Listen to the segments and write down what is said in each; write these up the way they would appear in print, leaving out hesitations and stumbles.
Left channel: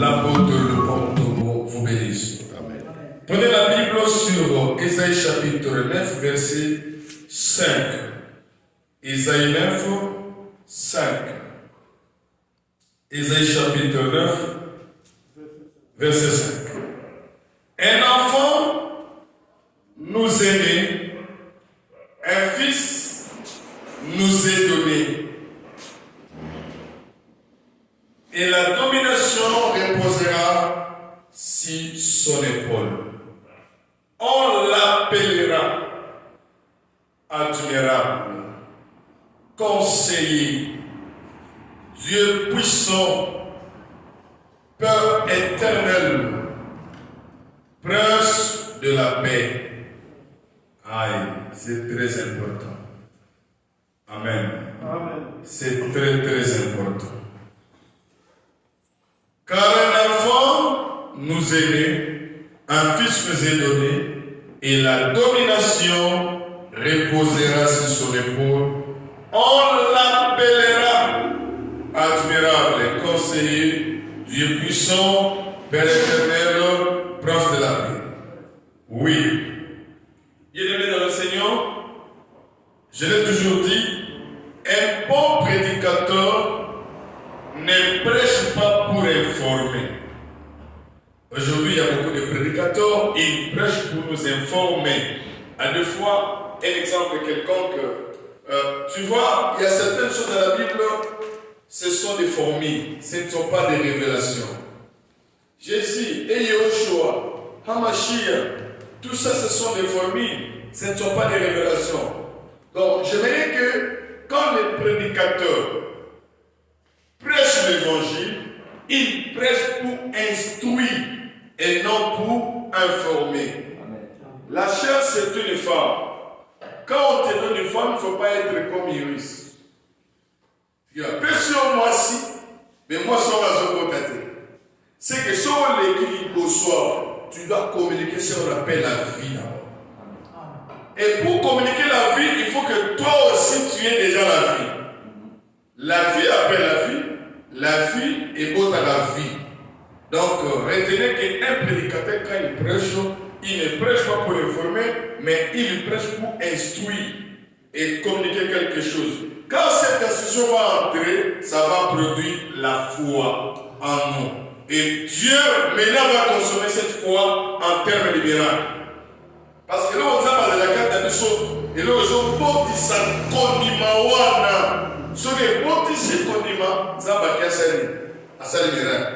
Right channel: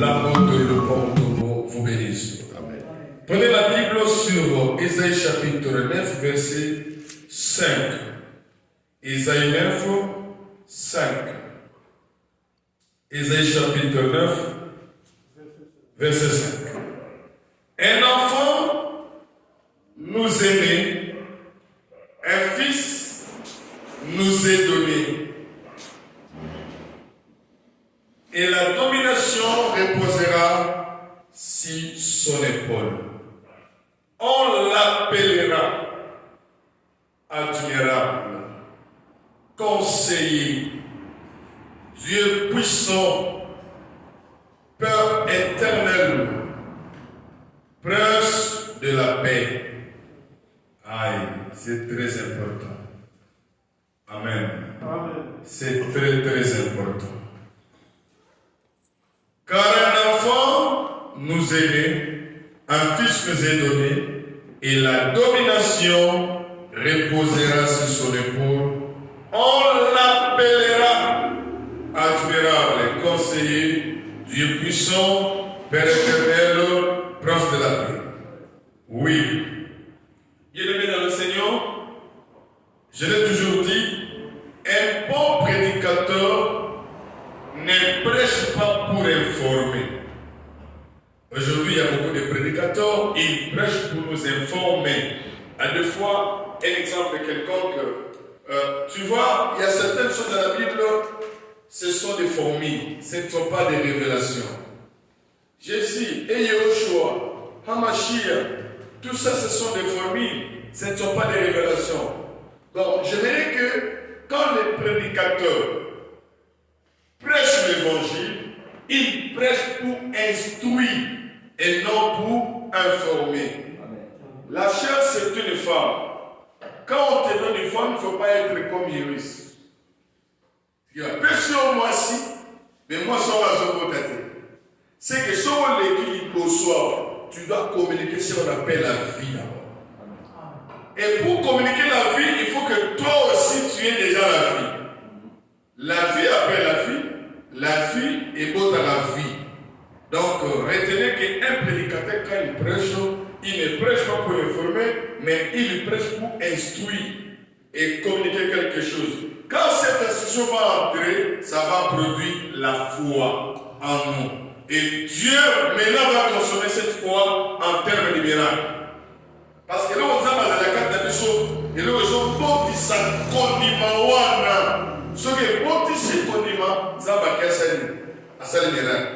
L'amour de l'Europe vous bénisse. Amen. Prenez la Bible sur Ésaïe chapitre 9, verset 5. Ésaïe 9, 5. Ésaïe chapitre 9, verset 5. Un enfant nous est né, un fils nous est donné, et la domination reposera sur son épaule. On l'appellera admirable, conseiller, Dieu puissant, Père éternel, prince de la paix. Aïe, c'est très important. Amen. Amen. C'est très très important. Car un enfant nous est né, un fils nous est donné, et la domination reposera sur son épaule. On l'appellera admirable, conseiller, Dieu puissant, Père éternel, prince de la paix. Oui. Bien-aimé dans le Seigneur, je l'ai toujours dit, un bon prédicateur ne prêche pas pour informer. Aujourd'hui, il y a beaucoup de prédicateurs, ils prêchent pour nous informer. À deux fois, un exemple quelconque, tu vois, il y a certaines choses dans la Bible, ce sont des fourmis, ce ne sont pas des révélations. Jésus et Yahushua, Hamashiach, tout ça, ce sont des fourmis, ce ne sont pas des révélations. Donc, j'aimerais que quand les prédicateurs prêchent l'évangile, ils prêchent pour instruire et non pour informer. La chair, c'est une femme. Quand on te donne une femme, il ne faut pas être comme Iris. Il y a personne moi si, mais moi sans raison pour tâter. C'est que si on l'équilibre au soir, tu dois communiquer ce qu'on appelle la vie d'abord. Et pour communiquer la vie, il faut que toi aussi tu aies déjà la vie. La vie après la vie est beau à la vie. Donc retenez qu'un prédicateur, quand il prêche, il ne prêche pas pour informer, mais il prêche pour instruire et communiquer quelque chose. Quand cette instruction va entrer, ça va produire la foi en nous. Et Dieu maintenant va consommer cette foi en termes de miracles. Parce que là, on a la carte de choses, et là, on a dit ça, condiment, wana. Ce qui est bon, c'est condiment, ça va casser à ça les miracles.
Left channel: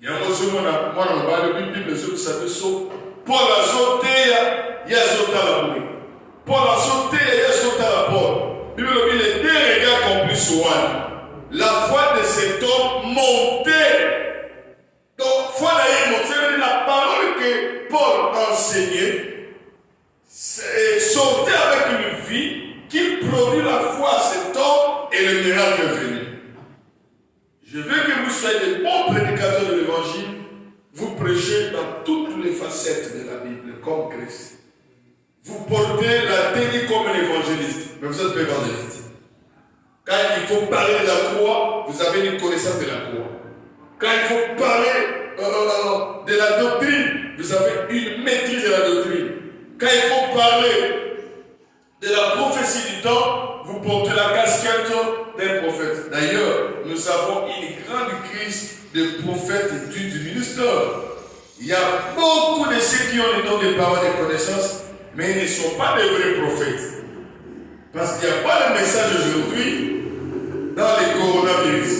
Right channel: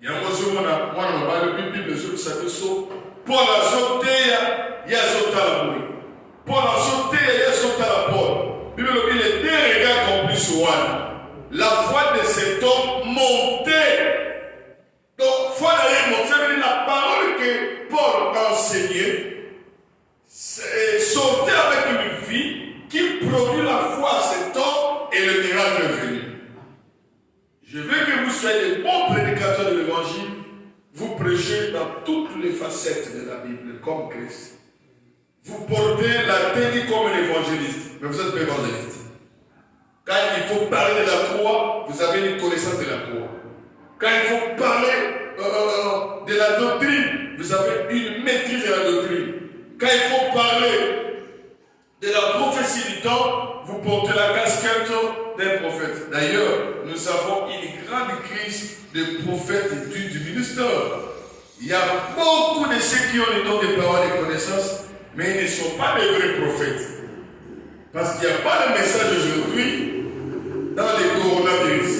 Il y a un moment, on va le Bible, les autres, ça fait saut. Pour la sauter, il y a sauté à la bouille. Pour la sauter, il y a sauté à la porte. Bible dit les deux regards compris sur Wana. La foi de cet homme montait. Donc, foi d'ailleurs, la parole que Paul enseignait, sautait avec une vie qui produit la foi à cet homme et le miracle est venu. Je veux que vous soyez des bons prédicateurs de l'évangile. Vous prêchez dans toutes les facettes de la Bible, comme Christ. Vous portez la tenue comme l'évangéliste, mais vous êtes pas évangéliste. Quand il faut parler de la croix, vous avez une connaissance de la croix. Quand il faut parler de la doctrine, vous avez une maîtrise de la doctrine. Quand il faut parler de la prophétie du temps, vous portez la casquette d'un prophète. D'ailleurs, nous avons une grande crise de prophètes et du ministère. Il y a beaucoup de ceux qui ont le don de paroles et de connaissances, mais ils ne sont pas des vrais prophètes. Parce qu'il n'y a pas de message aujourd'hui dans les coronavirus.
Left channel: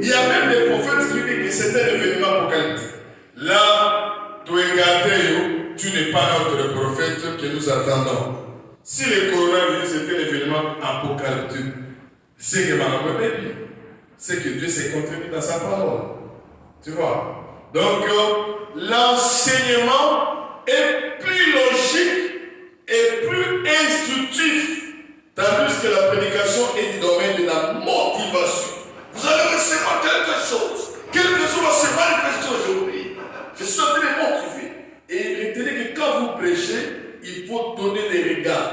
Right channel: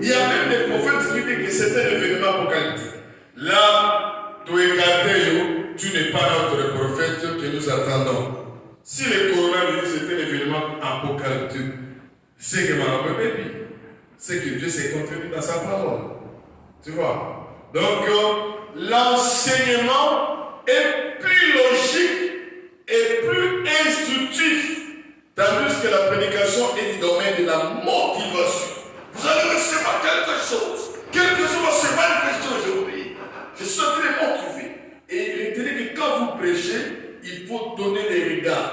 Il y a même des prophètes qui disent que c'est un événement apocalyptique. Là, tu n'es pas notre prophète que nous attendons. Si le coronavirus était un événement apocalyptique, c'est que Madame Baby, c'est que Dieu s'est contenu dans sa parole. Tu vois? Donc, l'enseignement est plus logique et plus instructif, tandis que la prédication est du domaine de la motivation. Vous allez recevoir quelque chose va se manifester aujourd'hui. Je suis en train de motiver. Et retenez que quand vous prêchez, il faut donner les regards.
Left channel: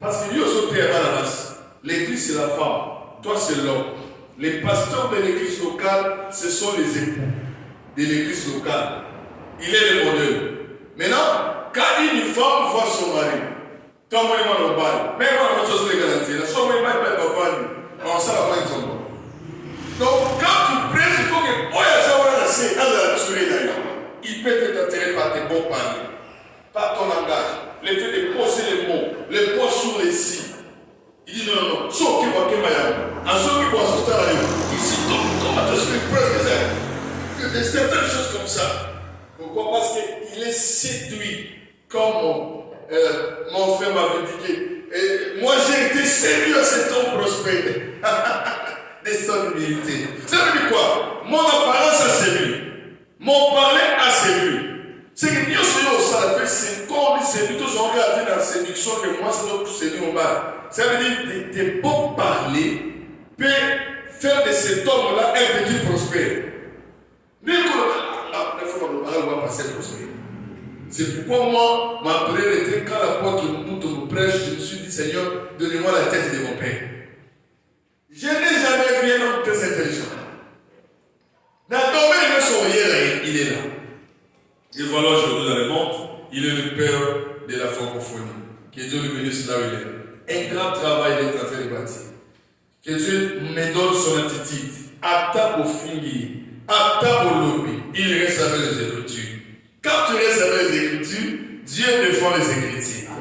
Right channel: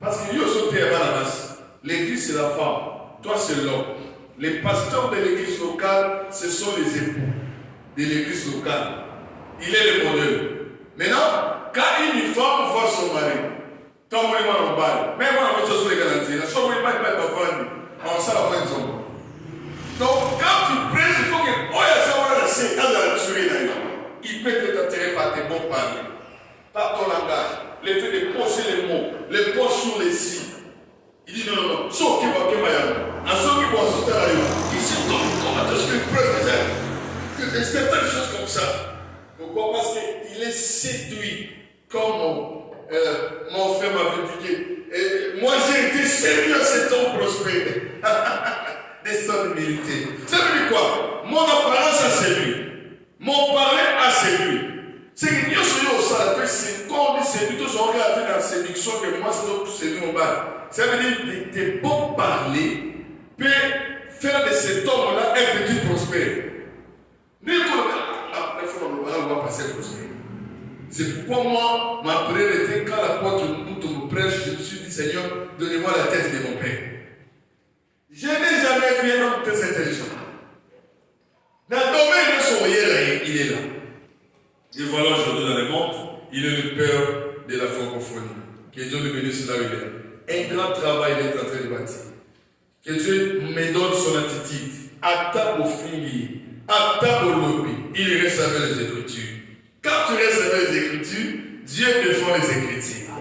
Parce que Dieu est à la base. L'église, c'est la femme. Toi, c'est l'homme. Les pasteurs de l'église locale, ce sont les époux de l'église locale. Il est le modèle. Maintenant, quand une femme voit son mari, tant que le bal, même on a les garanties, la somme n'est pas on s'en va exemple. Donc, quand tu prêches, il faut que, oh, il peut être attiré par tes bons paroles, par ton langage, le fait de poser les mots, les poser sur les signes. Il dit non, non, non, sauf qu'il va te mailler. En ce qui va se faire, il sait comment est-ce qu'il prêche des certaines choses comme ça. Pourquoi? Parce qu'il est séduit, comme mon frère m'avait dit. Et moi, j'ai été séduit à cet homme prospère. Des sommes d'humilité. Ça veut dire quoi? Mon apparence a séduit. Mon parler a séduit. C'est que Dieu se dit au salut, c'est comme on dit séduit, tous on regarde dans la séduction que moi, c'est donc séduit au bas. Ça veut dire que tes bons parler peut faire de cet homme-là un petit prospère. Mais on va passer prospère. C'est pourquoi moi, ma prière était quand la porte me prêche, je me suis dit, Seigneur, donnez-moi la tête de mon père. Je n'ai jamais vu un homme très intelligent. Dans le domaine de son réel, il est là. Et voilà, aujourd'hui dans le monde, il est le père de la francophonie. Que Dieu le bénisse là où il est. Un grand travail il est en train de bâtir. Que Dieu me donne son attitude. Atta au fingi, atta au lobby. Il reste avec les Écritures. Quand tu restes avec les Écritures, Dieu défend les Écritures.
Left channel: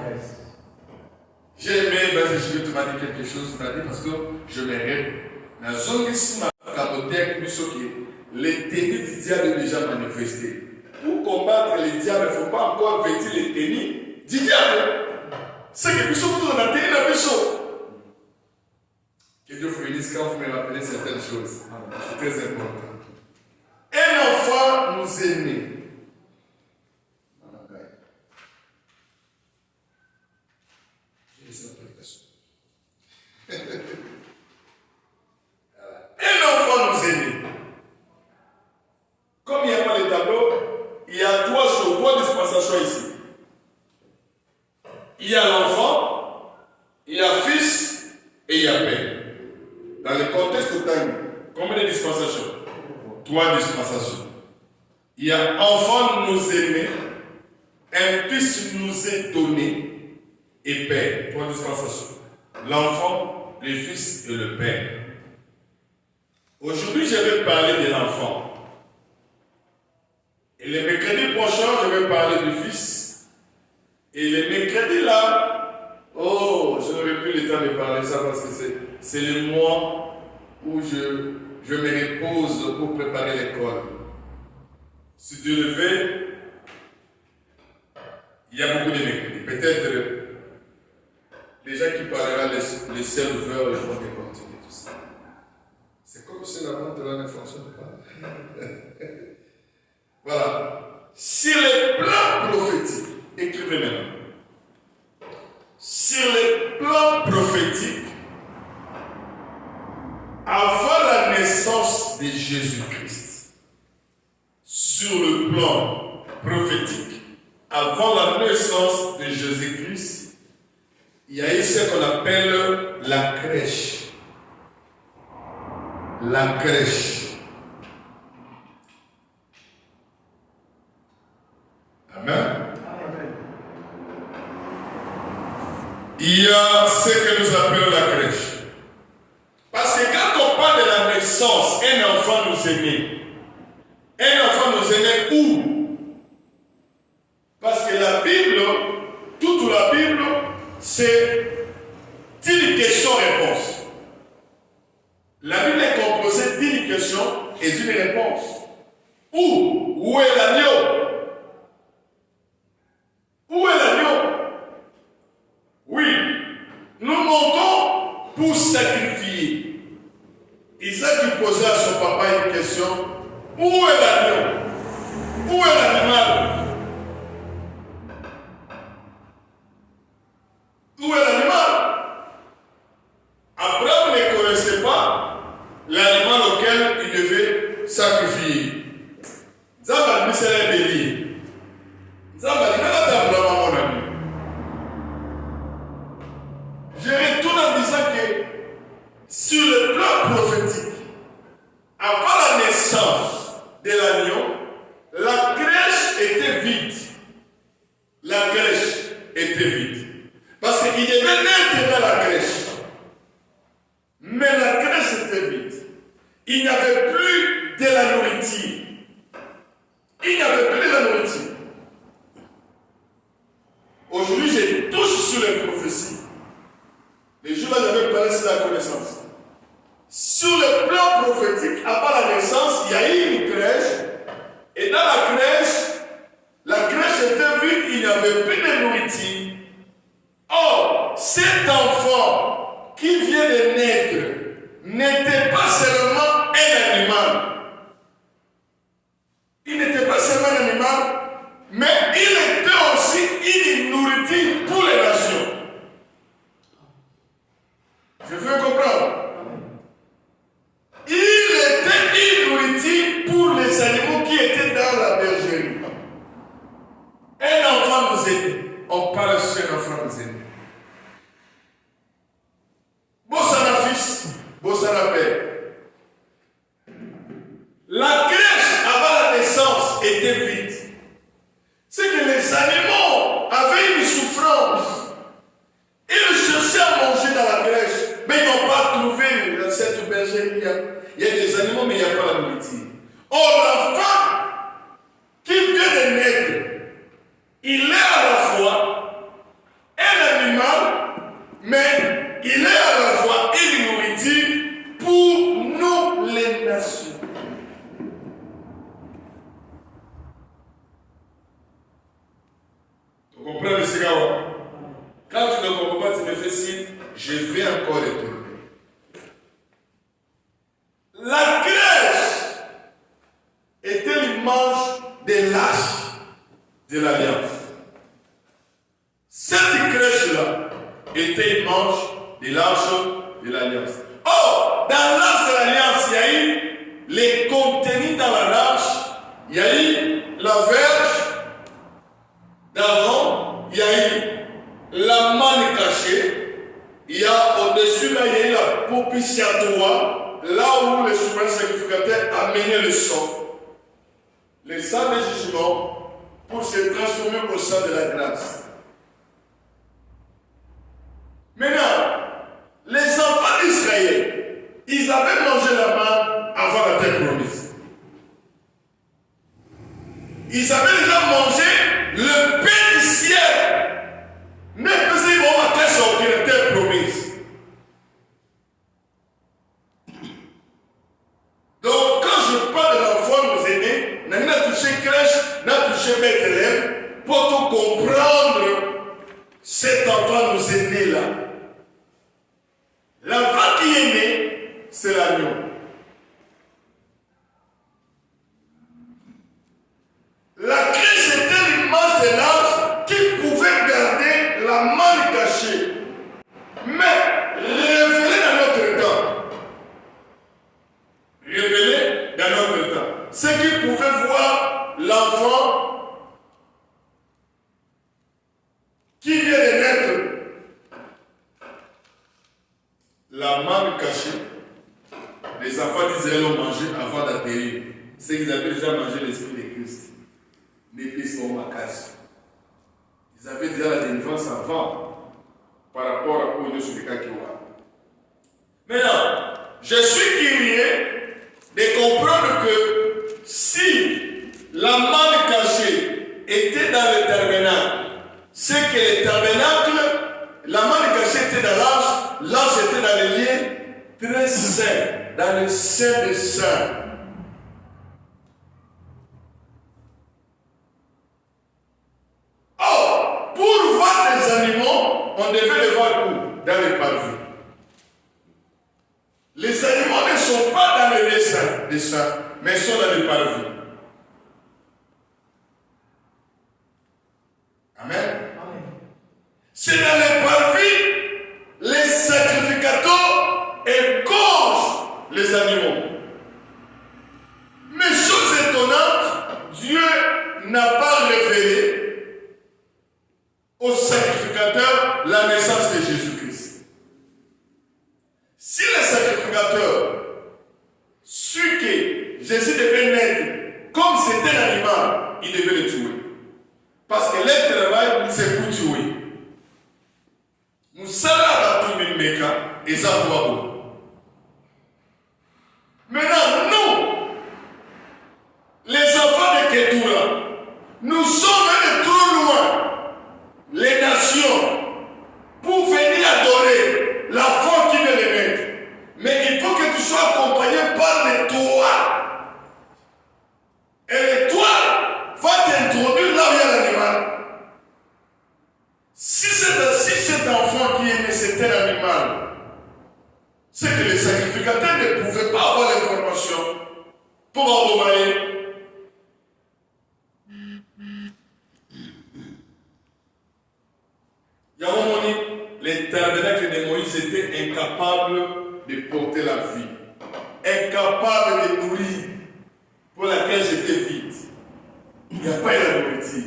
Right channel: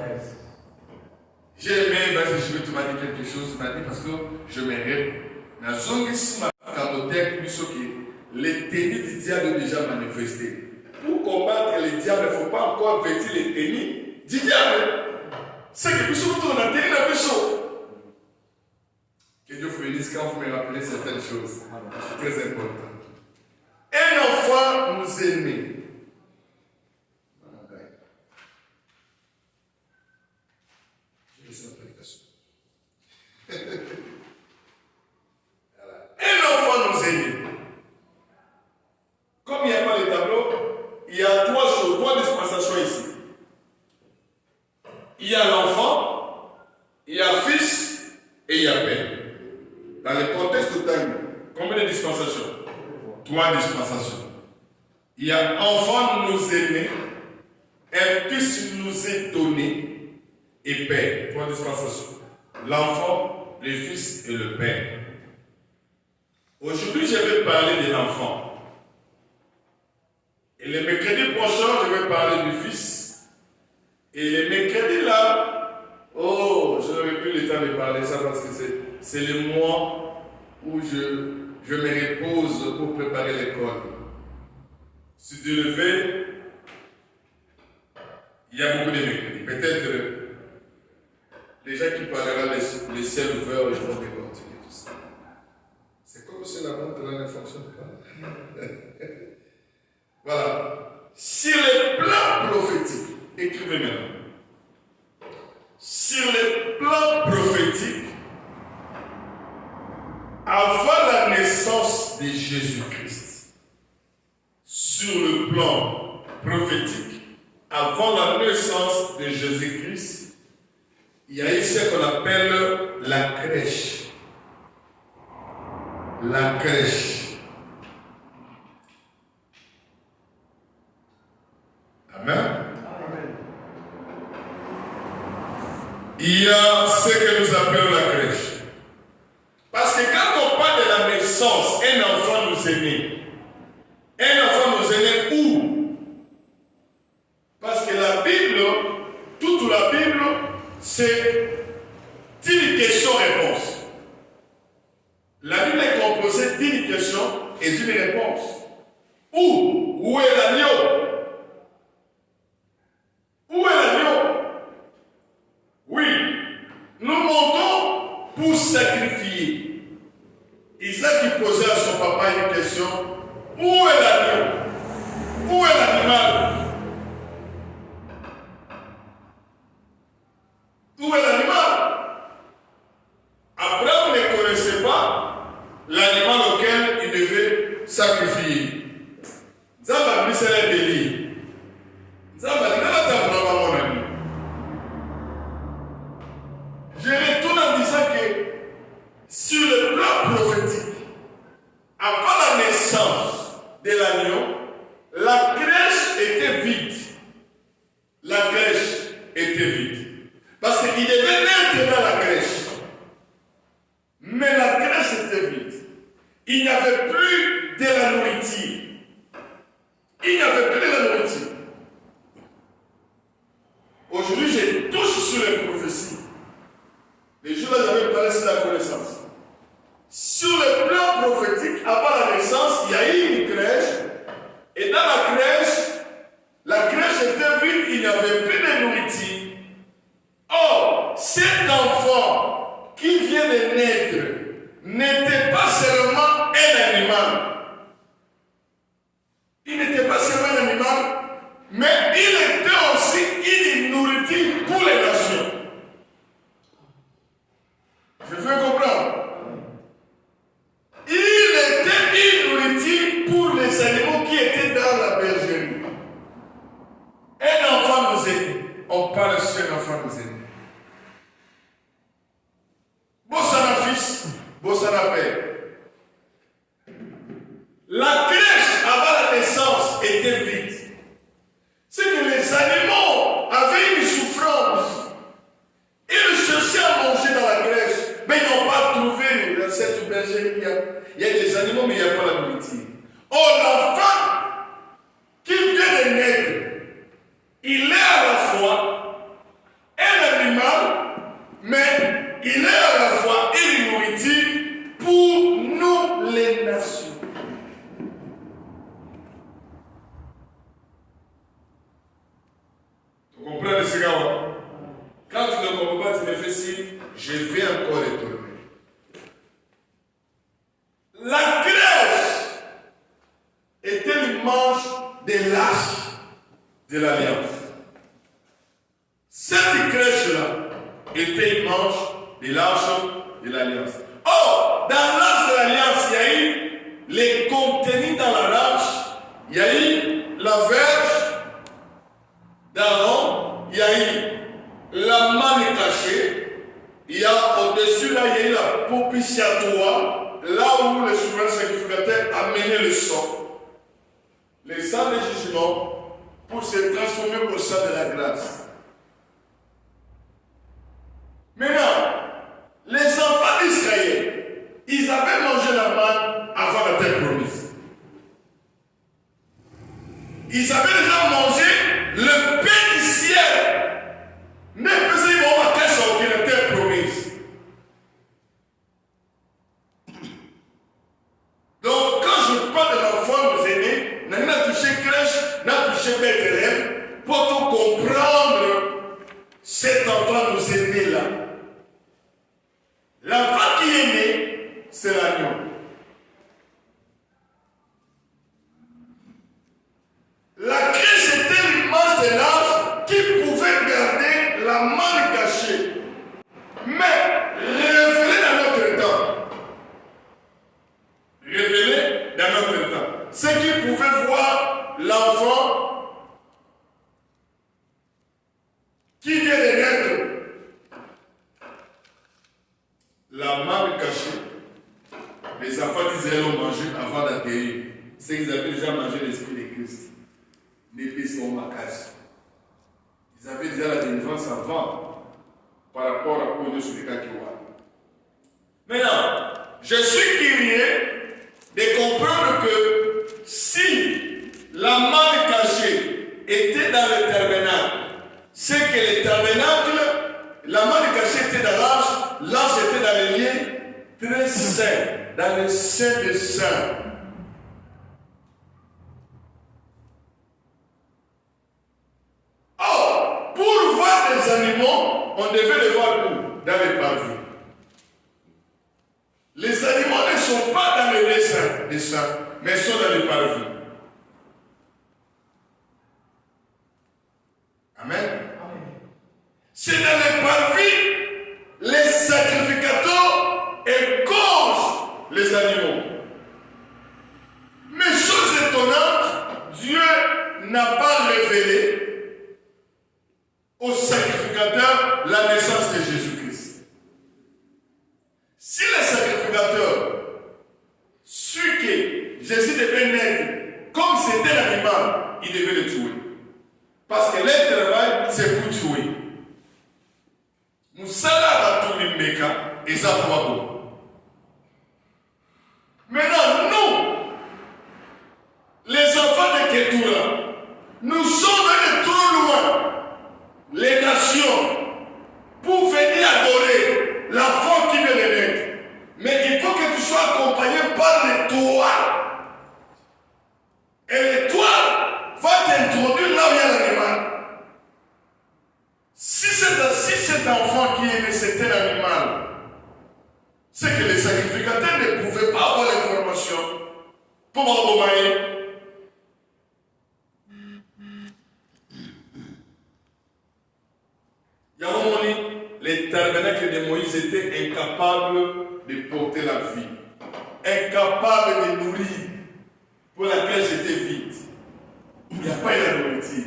J'ai aimé, je vais te dire quelque chose, parce que je m'arrête. Dans la zone ici, les tenues du diable sont déjà manifestées. Pour combattre les diables, il ne faut pas encore vêtir les tenues du diable. C'est que nous sommes tous dans la tenue de la mission. Que Dieu vous bénisse quand vous me rappelez certaines choses. C'est très important. Un enfant nous aimait. Un enfant nous aimait. Comme il n'y a pas les tableaux, il y a trois choses, trois dispensations ici. Il y a l'enfant, il y a fils et il y a père. Dans le contexte de temps, combien de dispensations? Trois dispensations. Il y a enfant nous aimait, un fils nous est donné et père. Trois dispensations. L'enfant, le fils et le père. Aujourd'hui, je vais parler de l'enfant. Et le mercredi prochain, je vais parler du fils. Et le mercredi là, oh, je n'aurai plus le temps de parler ça parce que c'est le mois où je me repose pour préparer l'école. Si Dieu le fait, il y a beaucoup de mercredis. Peut-être les gens qui parleront les ciels ouverts, ils vont continuer tout ça. C'est comme si la vente là ne fonctionne pas. Voilà. Sur les plans prophétiques, écrivez maintenant. Sur les plans prophétiques, avant la naissance de Jésus-Christ, sur le plan prophétique, avant la naissance de Jésus-Christ, il y a eu ce qu'on appelle la crèche. La crèche. Amen. Il y a ce que nous appelons la crèche. Parce que quand on parle de la naissance, un enfant nous aimait. Un enfant nous aimait où? Parce que la Bible, toute la Bible, c'est une question-réponse. La Bible est composée d'une question et d'une réponse. Où? Où est l'agneau? Où est l'agneau? Oui, nous montons pour sacrifier. Isaac posait à son papa une question. Où est l'agneau? Où est l'animal? Où est l'animal? Abraham ne connaissait pas l'animal auquel il devait sacrifier. Zamba c'est un délit. Zamba dit, mon ami. Je retourne en disant que sur le plan prophétique, de l'agneau, la crèche était vide. La crèche était vide. Parce qu'il devait naître dans la crèche. Mais la crèche était vide. Il n'y avait plus de la nourriture. Il n'y avait plus de la nourriture. Aujourd'hui, je touche sur les prophéties. Les jours-là, j'avais parlé sur la connaissance. Sur le plan prophétique, avant la naissance, il y a eu une crèche. Et dans la crèche était vide, il n'y avait plus de nourriture. Or, cet enfant qui vient de naître n'était pas seulement un animal. Il n'était pas seulement un animal, mais il était aussi une nourriture pour les nations. Je veux comprendre. Il était une nourriture pour les animaux qui étaient dans la bergerie. Un enfant nous aide. On parle sur un enfant nous aide. Bossana fils, Bossana père. La crèche avant la naissance était vide. C'est que les animaux avaient une souffrance. Ils cherchaient à manger dans la crèche, mais ils n'ont pas trouvé dans cette bergerie. Il y a des animaux, mais il n'y a pas la nourriture. Or, l'enfant qui vient de naître, il est à la fois un animal, mais il est à la fois une nourriture pour nous les nations. Tu comprends ce gars? Quand tu ne comprends pas, tu me fais signe, je vais encore retourner. La crèche était l'image de l'arche de l'Alliance. Cette crèche-là était l'image de l'arche de l'Alliance. Or, dans l'arche de l'Alliance, il y a eu les contenus dans l'arche, il y a eu la verge d'Aaron, il y a eu la manne cachée, il y a au-dessus là, il y a eu la propitiatoire, là où le souverain sacrificateur amenait le sang. Le sang de jugement pour se transformer au sang de la grâce. Maintenant, les enfants d'Israël, ils avaient mangé la manne avant la terre promise. Ils avaient déjà mangé le pain du ciel. Ne faisait pas qu'elle sortir de la terre promise. Donc, quand je parle de l'enfant nous aînés, n'a pas touché crèche, n'a touché Bethléem, pour tout comprendre cet enfant nous aînés là. L'enfant qui est né, c'est l'agneau. La crèche était l'image de l'ange qui pouvait garder la manne cachée, mais révélée dans notre temps. Révélée dans notre temps. Ceux qui pouvaient voir l'enfant qui vient de naître, la manne cachée, les enfants d'Israël ont mangé avant d'atterrir. C'est qu'ils avaient déjà mangé l'esprit de Christ. L'épice au macasse. Ils avaient déjà la délivrance avant par rapport à Oyo Soubeka-Kiwa. Maintenant, je suis curieux de comprendre que si la manne cachée était dans le tabernacle, c'est que le tabernacle, la manne cachée était dans l'arche était dans les lieux très saints, dans le sein des saints. Or, pour voir des animaux, on devait les voir où? Dans les parvis. Les animaux ne sont pas dans les lieux saints des saints, mais sont dans les parvis. Amen. C'est dans les parvis, les sacrificateurs égorgent les animaux. Mais chose étonnante, Dieu n'a pas révélé aux sacrificateurs la naissance de Jésus-Christ. Si les sacrificateurs suivent que Jésus devait naître c'était l'animal, il devait le tuer. Parce que leur travail, c'est pour tuer. Nous sommes là dans tout le méca et ça va bon. Maintenant, nous, les enfants de Ketura, nous sommes allés trop loin, les nations, pour venir adorer la foi qui veut les mettre. Mais il faut que tu sois accompagné par l'étoile. Et l'étoile va t'introduire là où il y a l'animal. Si cet enfant qui est né, c'était l'animal, c'est que les sacrificateurs ne pouvaient pas avoir l'information pour envoyer. Il y a un moment donné, les tabernacles de Moïse étaient incapables de porter la vie, incapables de nourrir, pour laquelle j'étais vide. Il n'y a pas eu la nourriture.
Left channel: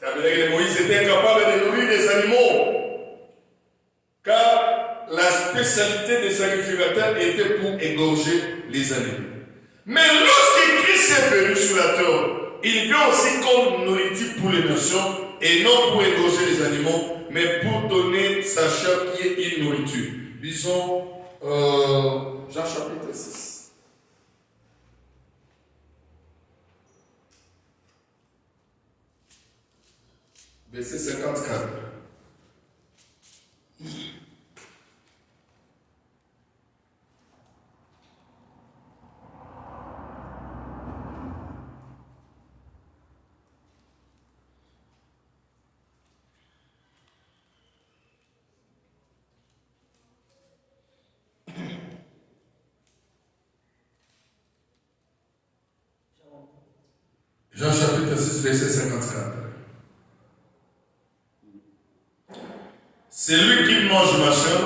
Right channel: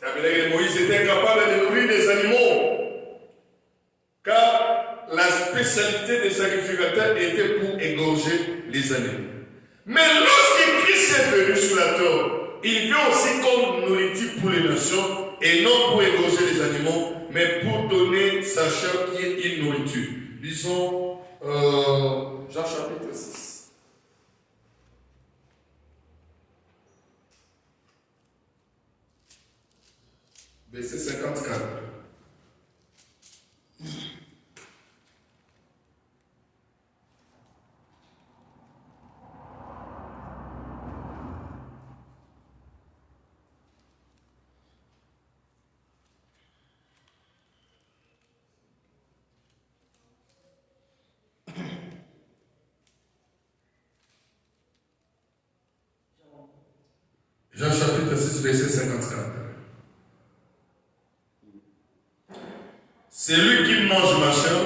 Les tabernacles de Moïse étaient incapables de nourrir des animaux, car la spécialité des sacrificateurs était pour égorger les animaux. Mais lorsque Christ est venu sur la terre, il vient aussi comme nourriture pour les nations, et non pour égorger les animaux, mais pour donner sa chair qui est une nourriture. Lisons Jean chapitre 6. Verset 54. Jean chapitre 6, verset 54. C'est lui qui mange ma chair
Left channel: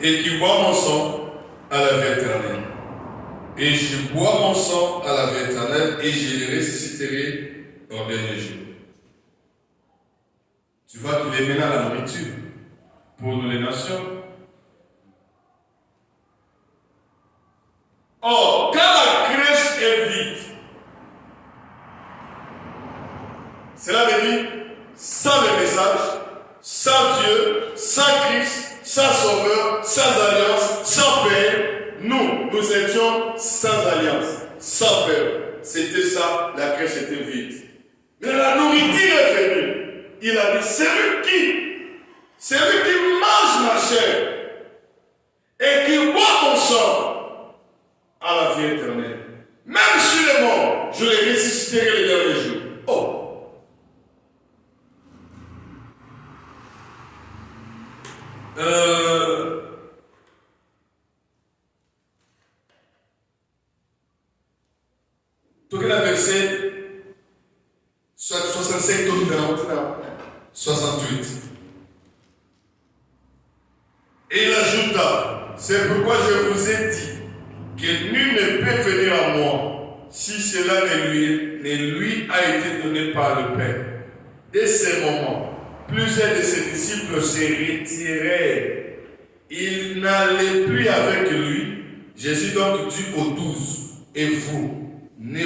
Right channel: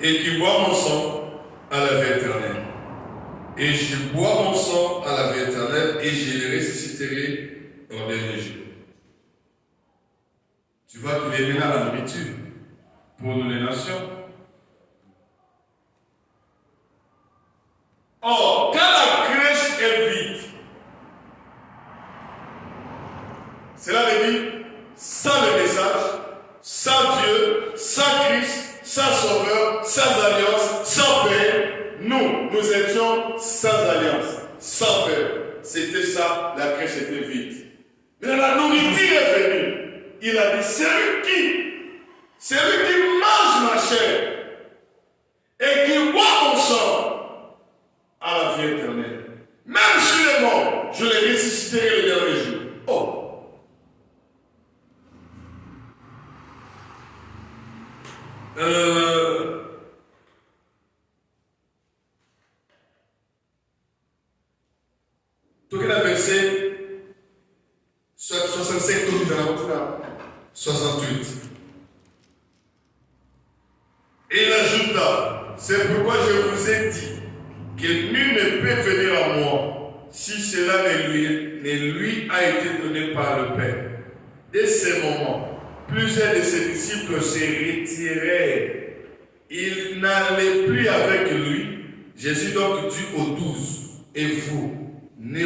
et qui boit mon sang à la vie éternelle. Et je bois mon sang à la vie éternelle et je le ressusciterai au dernier jour. Tu vois qu'il est maintenant la nourriture pour nous les nations. Or, quand la crèche est vide, cela veut dire sans le message, sans Dieu, sans Christ, sans Sauveur, sans alliance, sans Père. Nous étions sans alliance, sans Père. C'était ça, la crèche était vide. Mais la nourriture est venue. Il a dit, celui qui mange ma chair et qui boit mon sang à la vie éternelle. Même si il est mort, je le ressusciterai le dernier jour. Oh! Tout le verset 65 68. Et il ajouta, c'est pourquoi je vous ai dit que nul ne peut venir à moi si cela ne lui a été donné par le Père. Dès ce moment, plusieurs de ses disciples se retirèrent. Ils n'allaient plus avec lui. Jésus donc dit aux 12, et vous, ne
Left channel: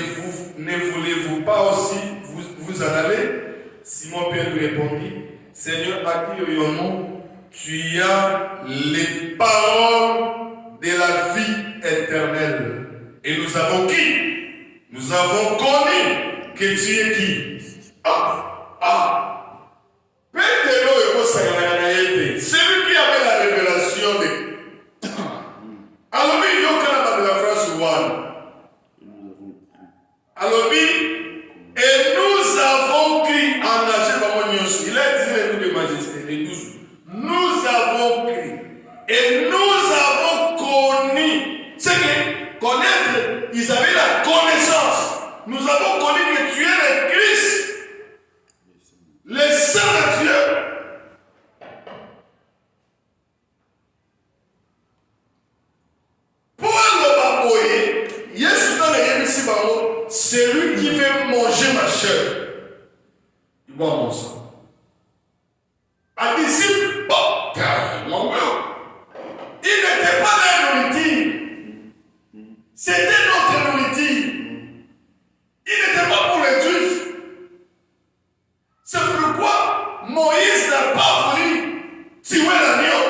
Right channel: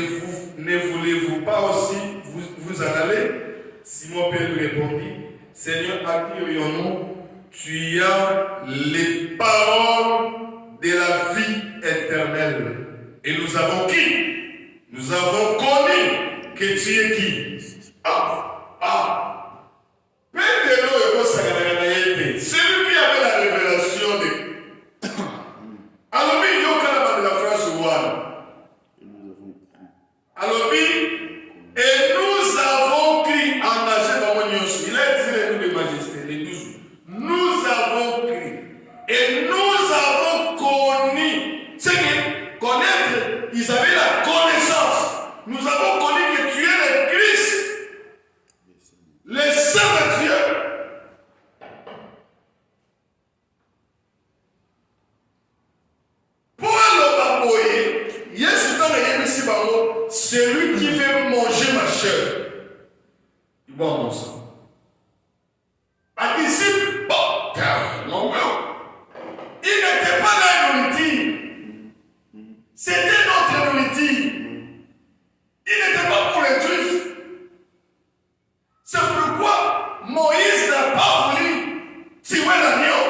voulez-vous pas aussi vous en aller? Simon-Pierre lui répondit, Seigneur, à qui irions-nous? Tu as les paroles de la vie éternelle. Et nous avons qui? Nous avons connu que tu es qui? C'est lui qui avait la révélation de. Alors, il y a de la phrase one. Alors, et nous avons crié en âge, il a dit les noms de majesté, les 12. Nous avons crié et nous avons connu. C'est que connaître, ils avaient la connaissance. Nous avons connu que tu es le Christ, le Saint de Dieu. Celui qui veut manger ma chair, il boit mon sang. Un disciple, il n'était pas là à nourriture. C'était notre nourriture. Il n'était pas pour les Juifs. C'est pourquoi Moïse n'a pas voulu tuer l'agneau.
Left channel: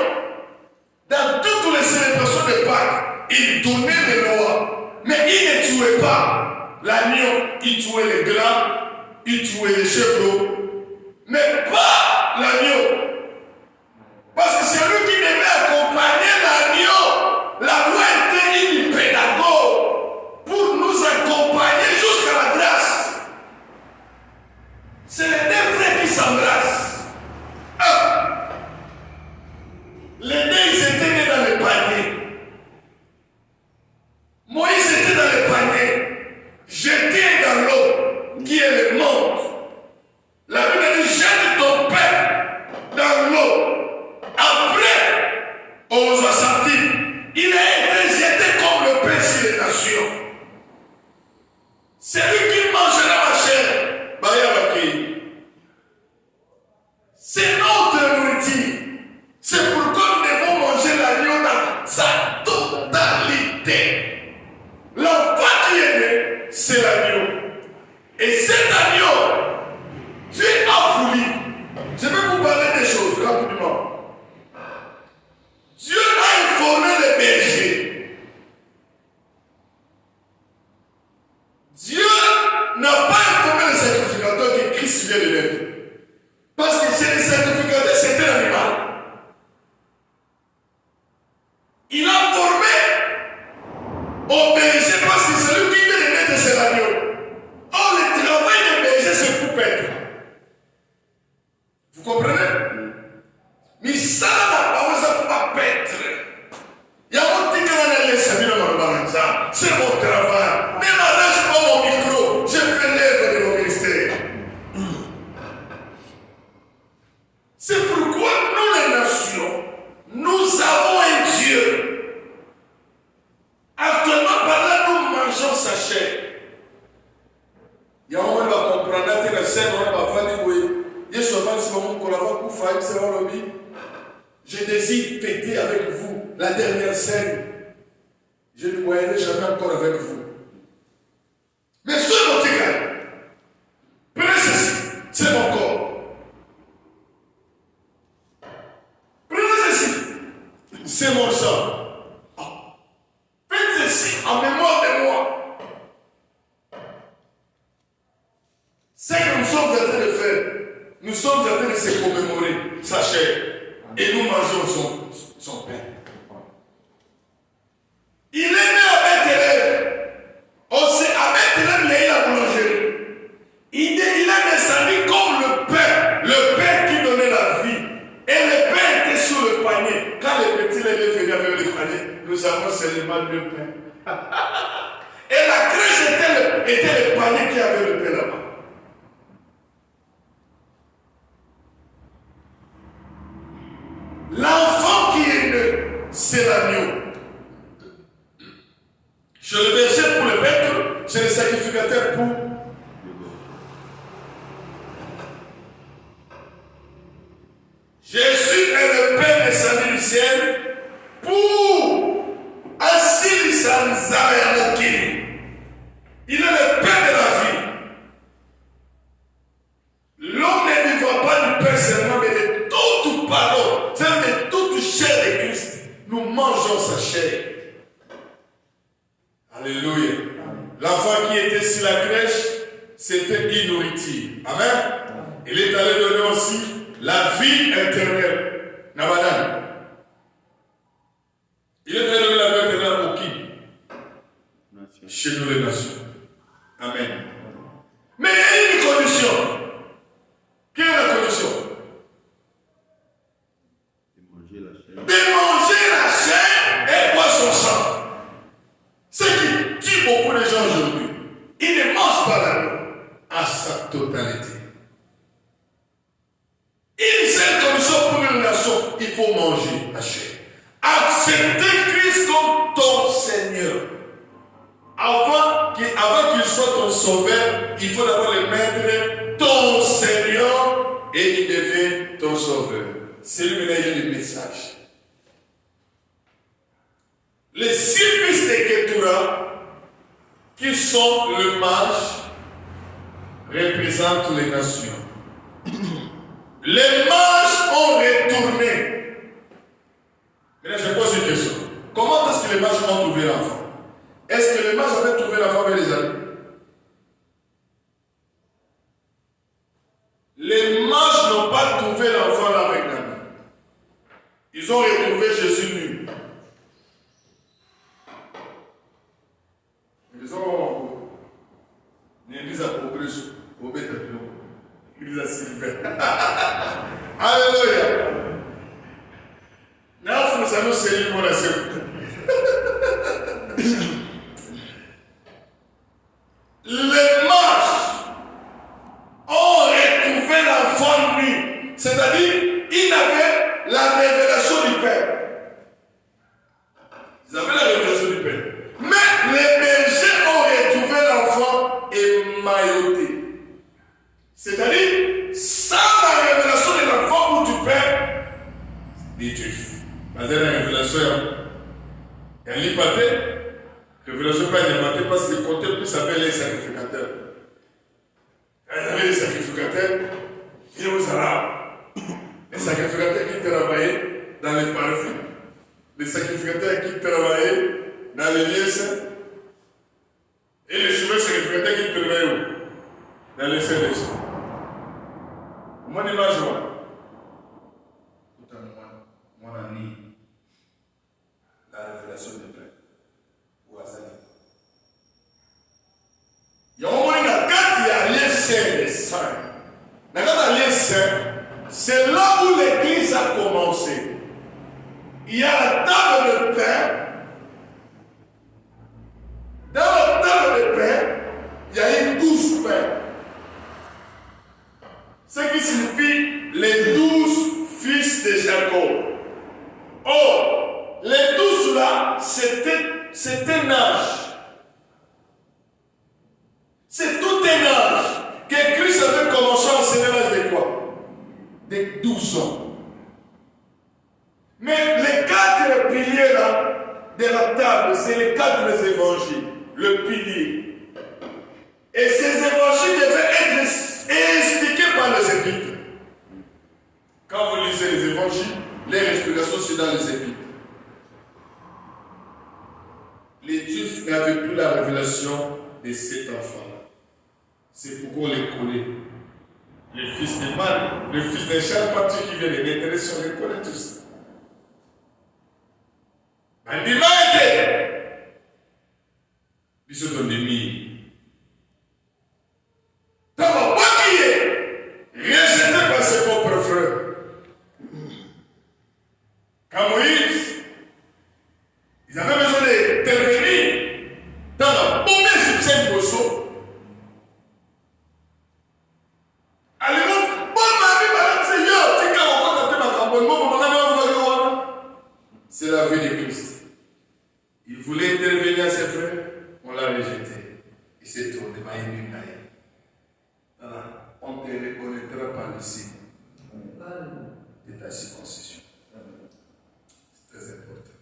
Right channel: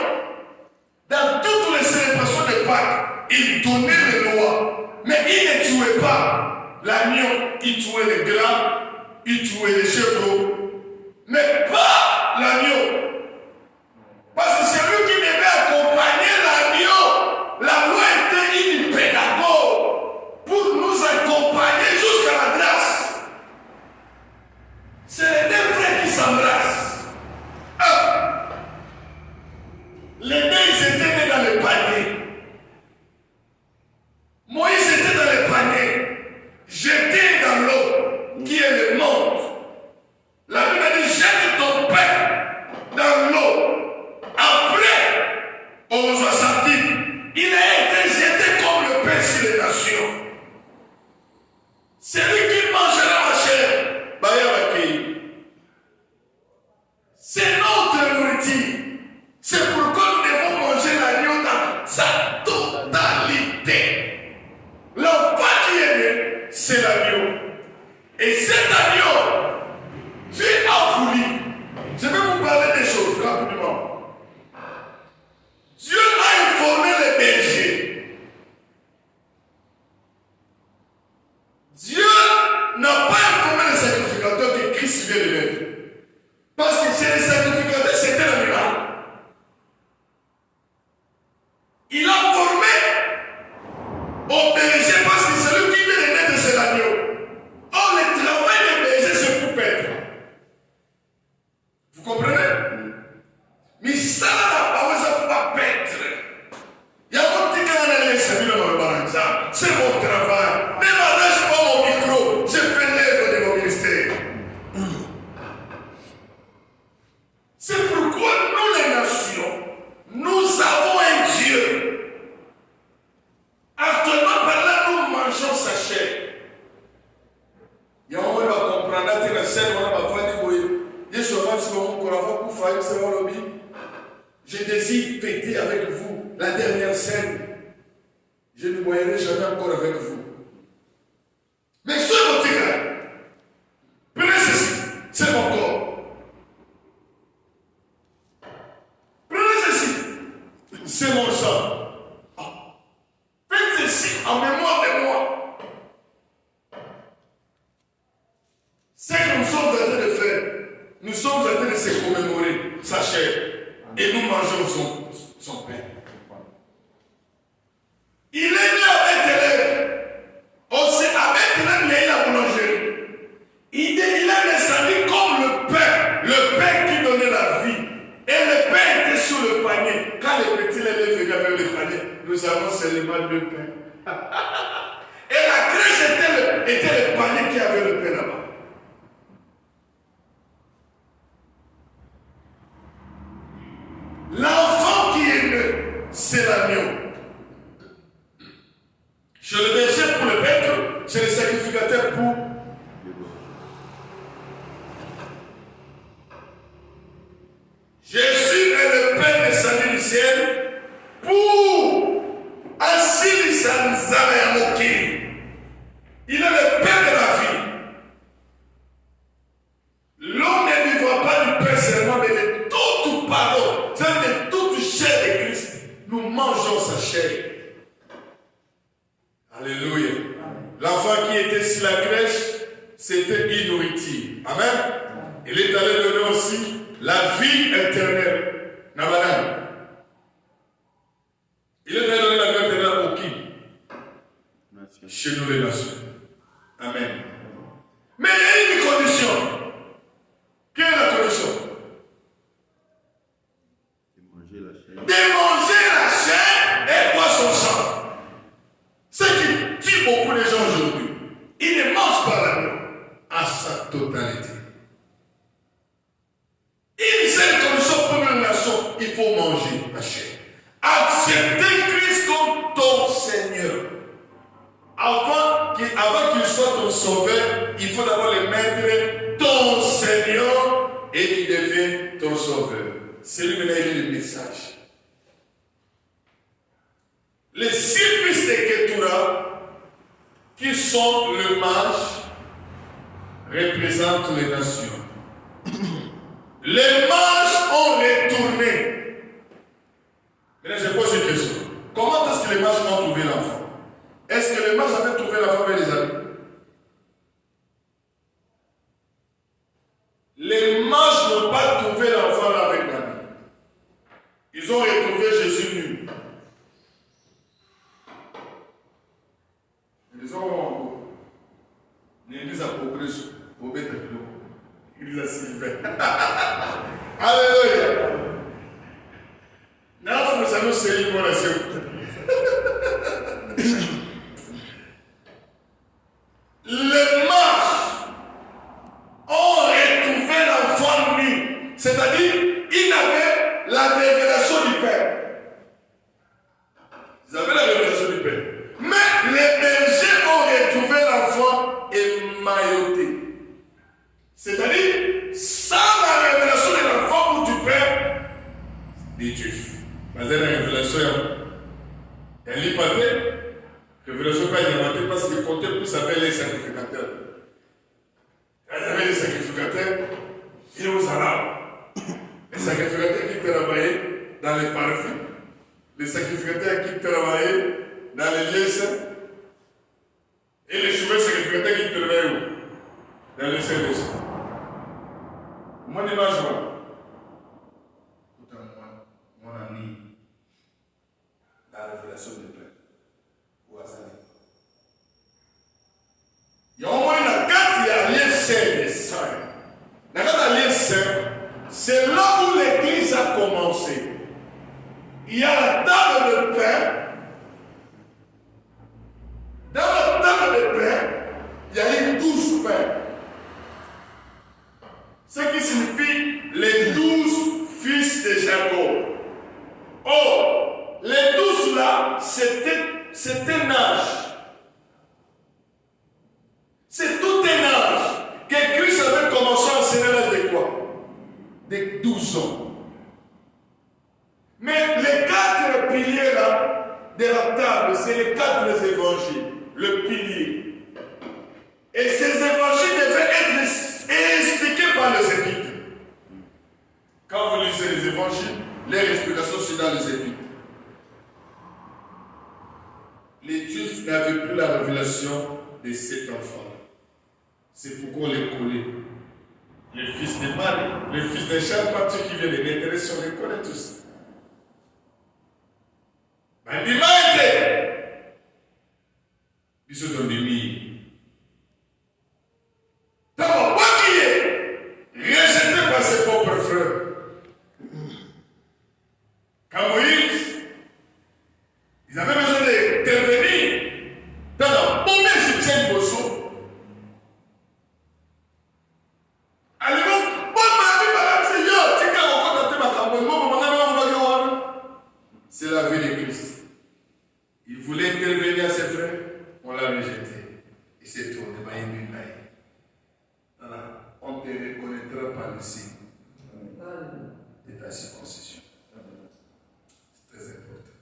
Dans toutes les célébrations de Pâques, il donnait les lois. Mais il ne tuait pas l'agneau. Il tuait les gras, il tuait les chevreaux. Mais pas l'agneau. Parce que c'est lui qui devait accompagner l'agneau. La loi était une pédagogue pour nous accompagner jusqu'à la grâce. C'est les deux frères qui s'embrassent. Les deux, ils étaient nés dans le panier. Moïse était dans le panier, jeté dans l'eau, qui est le monde. La Bible dit, jette ton père dans l'eau. Après, on va sentir, il a été jeté comme le pain sur les nations. C'est lui qui mangera ma chair. C'est notre nourriture. C'est pourquoi nous devons manger l'agneau dans sa totalité. L'enfant qui est né, c'est l'agneau. Et cet agneau, Dieu a voulu. Je vais vous parler des choses rapidement. Dieu a informé les bergers. Dieu n'a pas informé les sacrificateurs que Christ vient de l'être. Parce que chez les sacrificateurs, c'était l'animal. Il a formé au berger parce que c'est lui qui vient de naître, c'est l'agneau. Or, le travail des bergers, c'est pour paître. Vous comprenez? Mais ça, la parole, ça ne peut pas paître. Il y a mon petit canal, c'est mon travail. Ne m'arrache pas mon micro. Je fais l'œuvre de mon ministère. C'est pourquoi nous, les nations, nous avons un Dieu. Actuellement, par là, nous mangeons sa chair. Il y a un moment où on va comprendre que la scène, on va faire oui. Je désire fêter avec vous la dernière scène. Je ne mourrai jamais encore avec vous. Mais ce mon petit gars, prenez ceci, c'est mon corps. Prenez ceci, c'est mon sang. Faites ceci en mémoire de moi. Ce que nous sommes en train de faire, nous sommes en train de se commémorer sa chair et nous mangeons son pain. Il est né à Bethléem. Aussi, à Bethléem, il y a eu la boulangerie. Il a descendu comme le pain qui donnait la vie. Et le pain était sur le panier. Quand les petits élèves venaient avec le panier, nous avons seulement 2 pains. Et la crèche était le panier qui avait le pain là-bas. L'enfant qui est né, c'est l'agneau. Je le berger pour le maître, je le sacrificateur pour. Jésus est le Père descendu du ciel pour assurer sa Nzambe. Il est le Père de la vie. L'homme ne vivra pas du pain seulement, mais de toute parole, de toute chair de Christ. Nous mangeons sa chair. Alléluia. L'enfant qui était sur la crèche, c'était une nourriture. Amen. Il est allé donner aussi la vie éternelle. Nabadan. Il est allé donner la vie éternelle au qui? Chez nous les nations. Amen. Mais il y a une condition. Quelle est la condition? De manger la chair et boire son sang. Ce qui tue beaucoup de gens aujourd'hui, ils ne mangent pas l'agneau à sa totalité. Une seule condition pour une nation, il faut manger la chair. Accepter Christ comme ton Seigneur. Avant qu'il soit ton sauveur, il faut d'abord le mettre ton Seigneur et il devient ton sauveur. C'est lui qui a le message. Les 6 fils de Ketura qui sont le mage, représentent les nations. Les mages ont retourné. Maintenant, je pose une question. Comment est-ce que les mages ont trouvé l'enfant? Est-ce que les mages avaient trouvé l'enfant avec les amis? Les mages n'ont pas trouvé l'enfant là avec l'ami. Ils ont retrouvé Jésus nu. Ils ont l'église à progression au Bétabilo. L'église à Sylvain. Alléluia. Nous sommes sérieux pour la sécurité. Les mages ont retrouvé l'enfant nu. C'est-à-dire, ils avaient la révélation du Père. Ils avaient la révélation du Père. Mais les bergers ont retrouvé l'enfant émailloté. C'est-à-dire, sans la révélation de l'enfant ou du Père, des Juifs. Parce que la révélation, elle n'est pas révélation pas alimentée parce que comptait plus avec les sacrificateurs. Quand il y avait les sacrificateurs, ils vous allaient. Les sacrificateurs qui travaillaient dans les parfums, les sacrificateurs qui travaillaient dans les lieux saints, et les cheveux sacrificateurs qui travaillaient où? Dans les saints des saints. Mon image, mon ami, la révélation du Père. Il y a au moins une carte, il y a lieu saint des saints. La carte à lieu saint, c'est là où l'église a commencé. Il y a la table de pain. Dans la table de pain, il y a une 12 pains. Ce qui signifie les 12 fils de Jacob. Or, les 12 là, c'est un âge. C'est tout un âge que Christ avait commencé à enseigner à l'âge de quoi? De 12 ans. Mais les 4 piliers là de la table, c'est les 4 évangiles, le pilier. Et ces évangiles devaient être expliqués par les épîtres. Quand vous lisez les évangiles, les explications sont dans les épîtres. Les Juifs n'avaient plus la révélation de cet enfant. C'est pourquoi on les collait. Les fils de Marie, les fils de chaque partie qui vient de naître, on les collait tous. Mais il m'a été. Ils sont dans des milliers. D'abord, moi qui est rejeté par ses propres frères. Quand Moïse, ils avaient besoin d'intervenir dans la première subsède de Bosso. C'est la vie de Christ. Il voulait intervenir à ses frères, on l'a rejeté. Il s'est tourné vers une lunaille. Voilà, on te reconnaîtra par le signe de ta circoncision. C'est très important.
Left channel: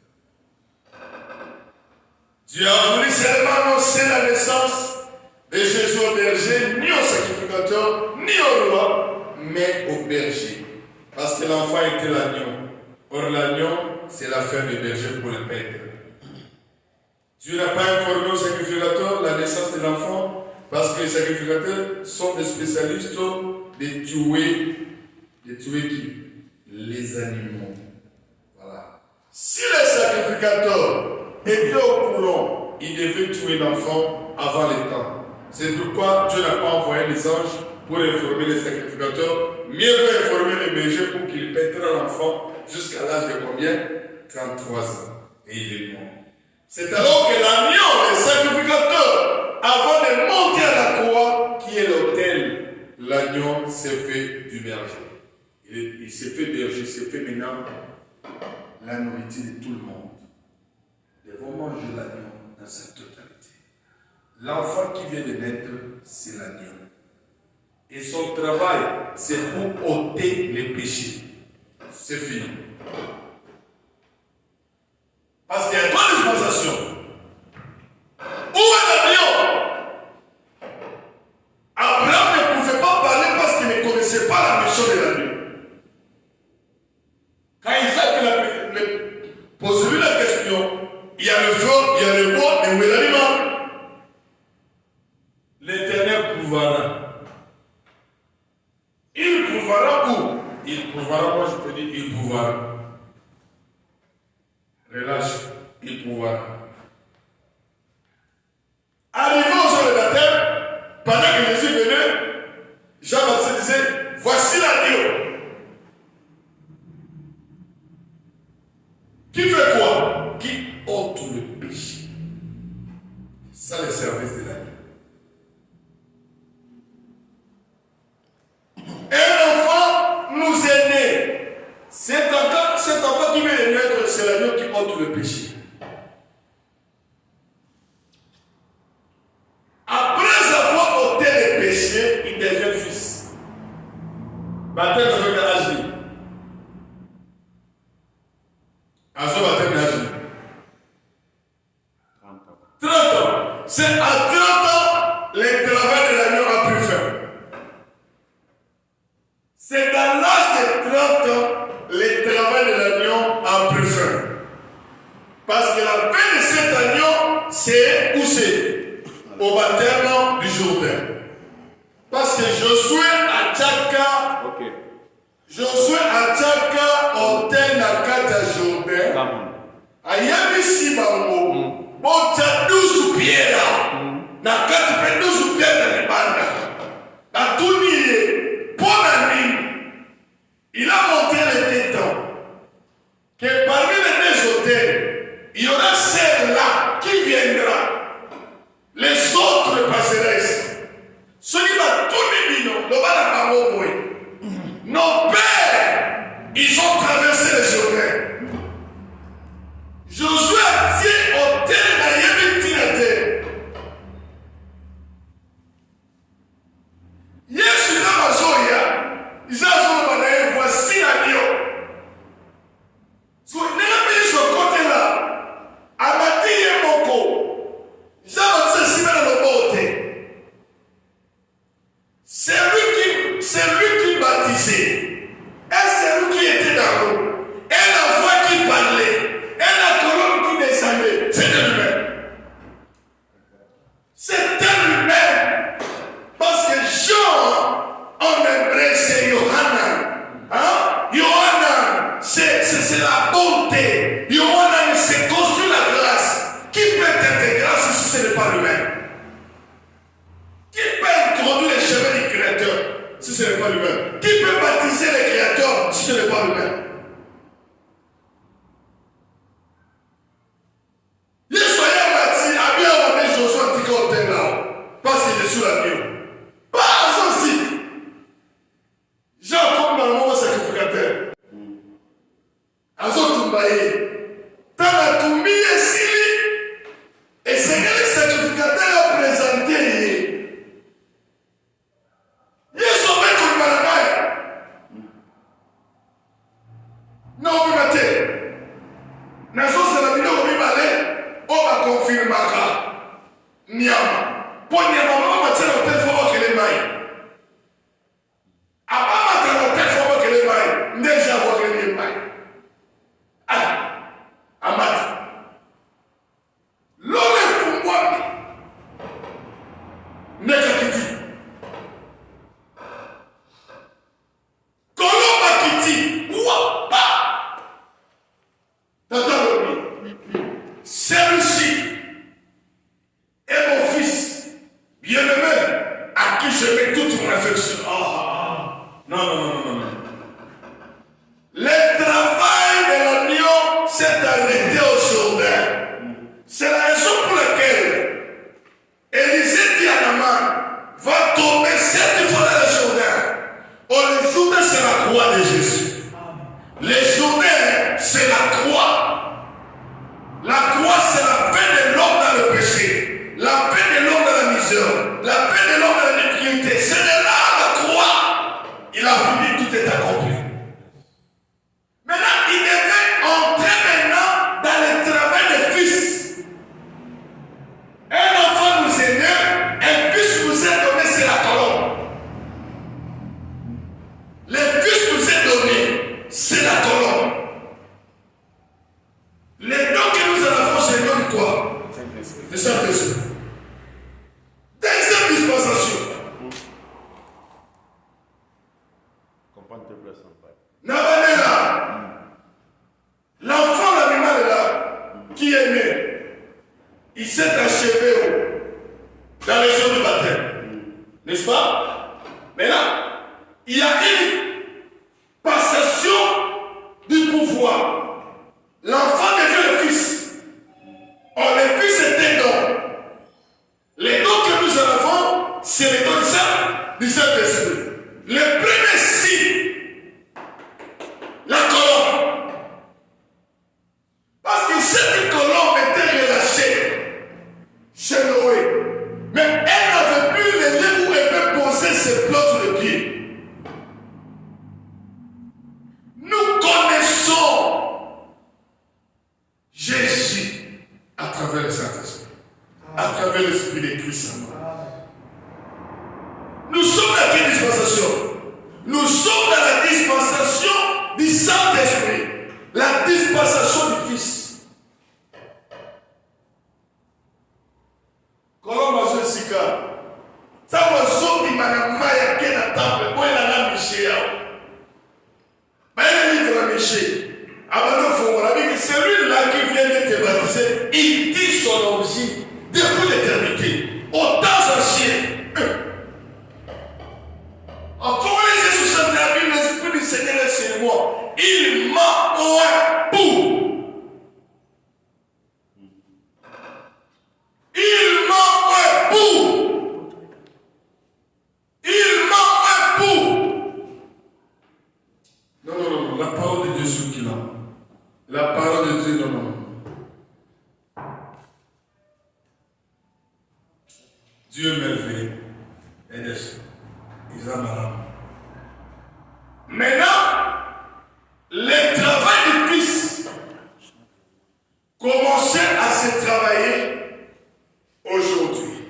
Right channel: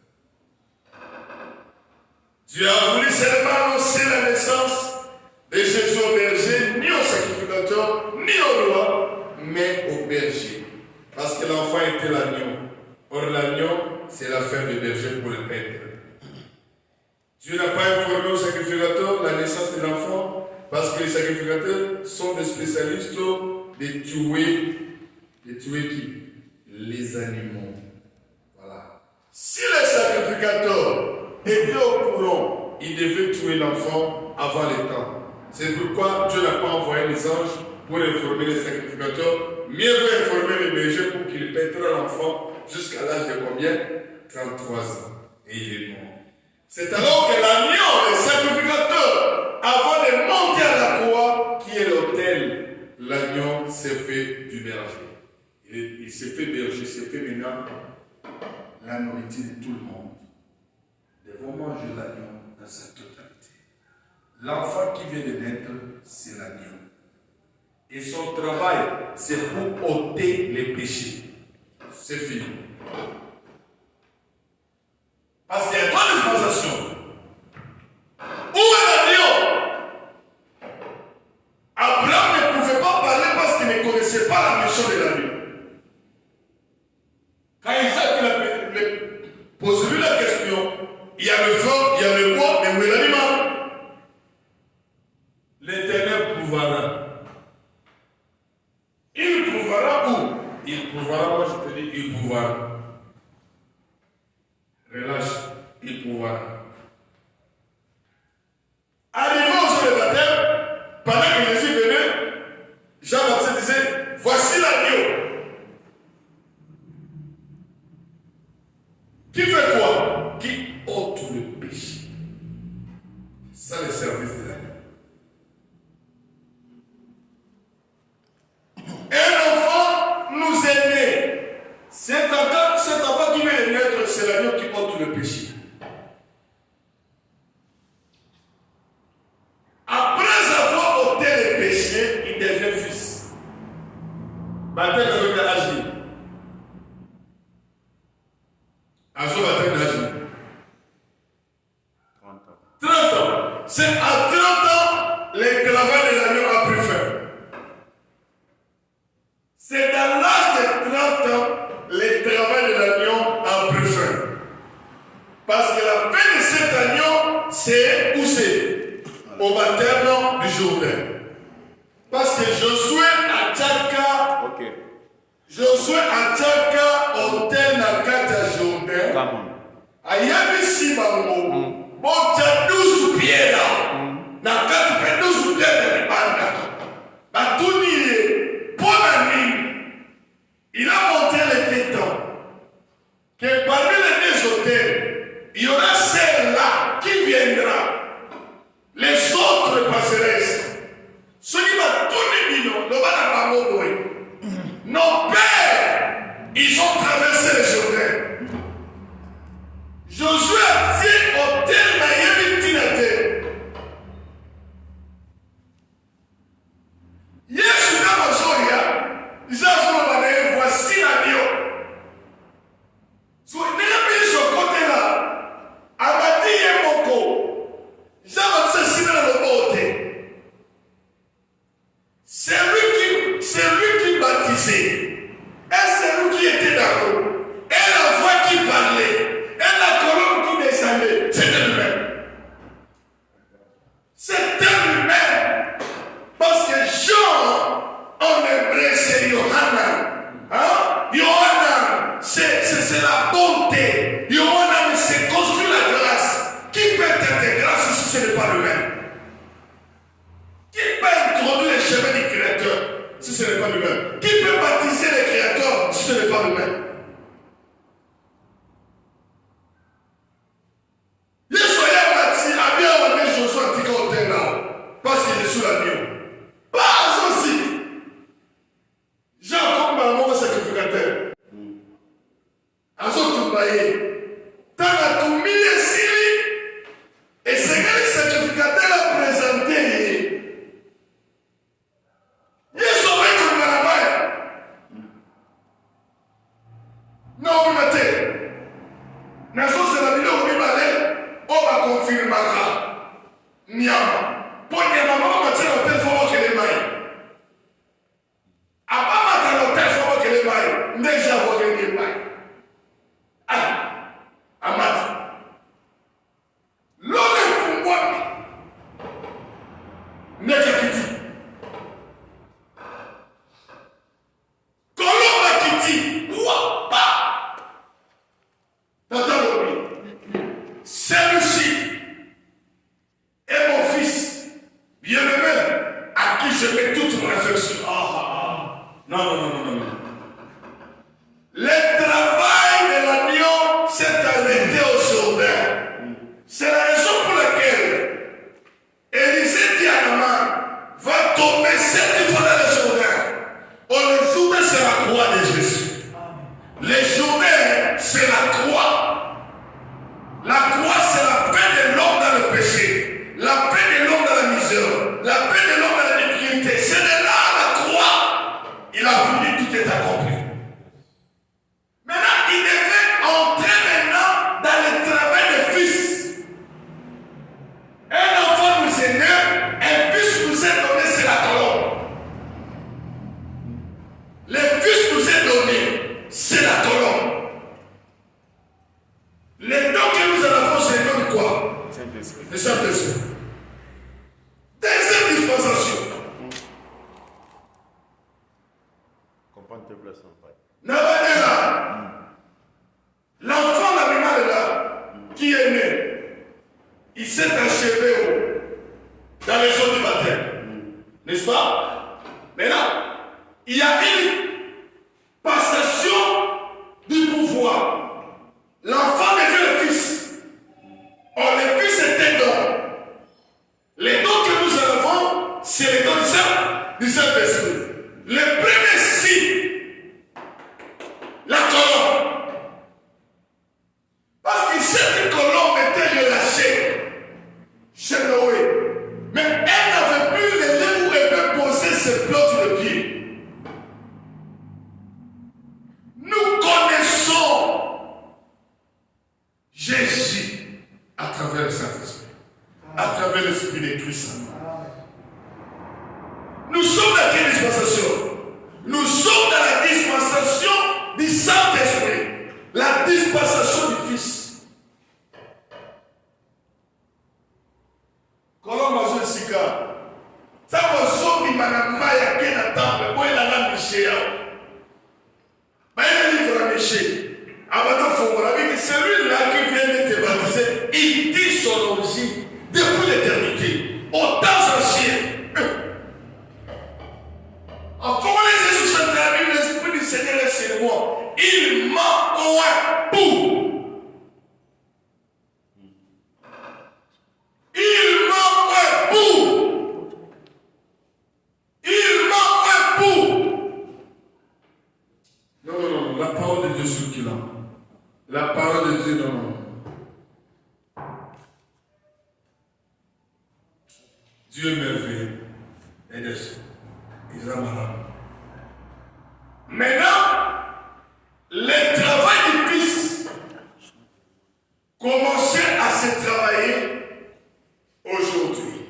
Dieu a voulu seulement annoncer la naissance de Jésus au berger, ni au sacrificateur, ni au roi, mais au berger. Parce que l'enfant était l'agneau. Or, l'agneau, c'est l'affaire du berger pour le prêtre. Dieu n'a pas informé au sacrificateur la naissance de l'enfant parce que les sacrificateurs sont des spécialistes de tuer qui? Les animaux. Voilà. Si les sacrificateurs étaient au courant, ils devaient tuer l'enfant avant le temps. C'est pourquoi Dieu n'a pas envoyé les anges pour informer les sacrificateurs. Mieux vaut informer les bergers pour qu'ils pèteront l'enfant jusqu'à l'âge de combien? 33 ans. Et il est mort. C'est alors que l'agneau, les sacrificateurs, avant de monter à la croix, qui est l'autel, l'agneau s'est fait du berger. Il s'est fait berger, il s'est fait maintenant la nourriture de tout le monde. Nous devons manger l'agneau dans sa totalité. L'enfant qui vient de naître, c'est l'agneau. Et son travail, c'est pour ôter les péchés. C'est fini. Parce qu'il y a trois dispensations. Où est l'agneau? prouvera. Il prouvera où? Il prouvera, moi je te dis, il prouvera. Relâche, il prouvera. Arrivé au sein de baptême, pendant que Jésus venait, Jean-Baptiste disait, voici l'agneau. Qui fait quoi? Qui ôte le péché. C'est ça le service de l'agneau. Un enfant nous est né. Cet enfant qui vient de naître, c'est l'agneau qui ôte le péché. Après avoir ôté le péché, il devient fils. Baptême avec l'âge. Azo baptême d'âge. 30 ans. C'est à 30 ans le travail de l'agneau a pris fin. C'est dans l'âge de 30 ans le travail de l'agneau a pris fin. Parce que la fin de cet agneau, c'est où c'est? Au baptême du Jourdain. Parce que Josué a Tchaka. Ok. Josué a Tchaka hôtel na kata Jourdain. Ayami si bango. Bon tcha 12 pieds là. Na kata pe 12 pieds de banda. Na tuni pour la nuit. Il a montré les temps que parmi les deux hôtels, il y aura celle-là qui viendra. Les autres passeront. Ceux qui vont tourner, nos pères, ils ont traversé le Jourdain. Josué a dit au tel Miami Tinate. Yesu n'a pas soya. Ils ont voici l'agneau. Si vous n'avez pas ce côté-là, Amati et Moko, ils ont dit dans le côté. C'est lui qui baptisait. Et c'est lui qui était dans l'eau. Et la voix qui parlait. Et la colonne qui descendait. C'était lui-même. C'était lui-même. Parce que Jean, en hébreu, c'est Yohanan. Hein? Yohanan, c'est la bonté. Yohanan, c'est construit la grâce. Qui peut être grâce si ce n'est pas lui-même? Qui peut introduire les chemins du Créateur si ce n'est pas lui-même? Qui peut baptiser le Créateur si ce n'est pas lui-même? Yesoya bâti a bien amené Josué Antika au terre là parce qu'il est sous l'agneau. Pas aussi. Jean comme maman sacrificateur. Azotumbaye. Tanatumie Sili. Et Seigneur le sacrificateur a présenté. Non, vous mettez. Nazo c'est la vidéo où il va aller. On va confirmer. Niama. Pour Niama, on va mettre l'hôtel pour que les mailles. Avant de mettre l'hôtel pour que les mailles. Déjà, vous avez les mailles. Ah, Amat. L'homme est pour moi. Nekakiti. Colomba Kiti. Ouah. Celui-ci est mon fils bien-aimé à qui je mets toute mon affection. Non. Le travail de l'agneau s'est arrêté au Jourdain. C'est la raison pour laquelle Élisée dit à Naaman, va tomber 7 fois dans le Jourdain. Le Jourdain, c'est la croix de Jésus. Le Jourdain, c'est la croix. La croix, c'est la paix de l'homme dans le péché, la paix de l'homme dans la misère, la paix de l'homme dans la médiocrité. C'est de là la croix. Il a fini, tout est accompli. Maintenant, il devait entrer maintenant dans le travail de fils. Un enfant nous est né, un fils nous est donné, c'est la colombe. Le fils nous est donné, c'est la colombe. Les dons que nous avons, c'est le nom de quoi? Le Saint-Esprit. Deuxième dispensation. dans les eaux du baptême. N'est-ce pas? Maintenant, il y a une passation du pouvoir. L'enfant devient le fils. Or, le fils est un don. Les dons que nous avons, c'est les dons du Saint-Esprit. Le premier signe, la colombe. Parce que cette colombe était relâchée chez Noé. Mais elle n'avait plus les lieux où elle peut poser ses plots sur le pied. Nous connaissons Jésus à travers le Saint-Esprit, à travers l'Esprit de Christ. Nous sommes dans quelle dispensation? Nous sommes dans la dispensation du Saint-Esprit, la dispensation du Fils. Colombe Sika. Ça va sortir Manama ya Kena Temple, où elle a la Miché. Mais elle livre la Miché. Avant de celui-là qui vient d'être baptisé, il dit son origine depuis l'éternité, au temps ancien. En formalisé sous cette Bible, l'Esprit du Seigneur est sur moi. Il m'a oint pour. Il m'a oint pour. Il m'a oint pour. Non, la parole de Dieu sur qui là? La parole de Dieu, non. Dieu est merveilleux. Il va malade. Maintenant, le travail du Fils commençait à se travailler aujourd'hui.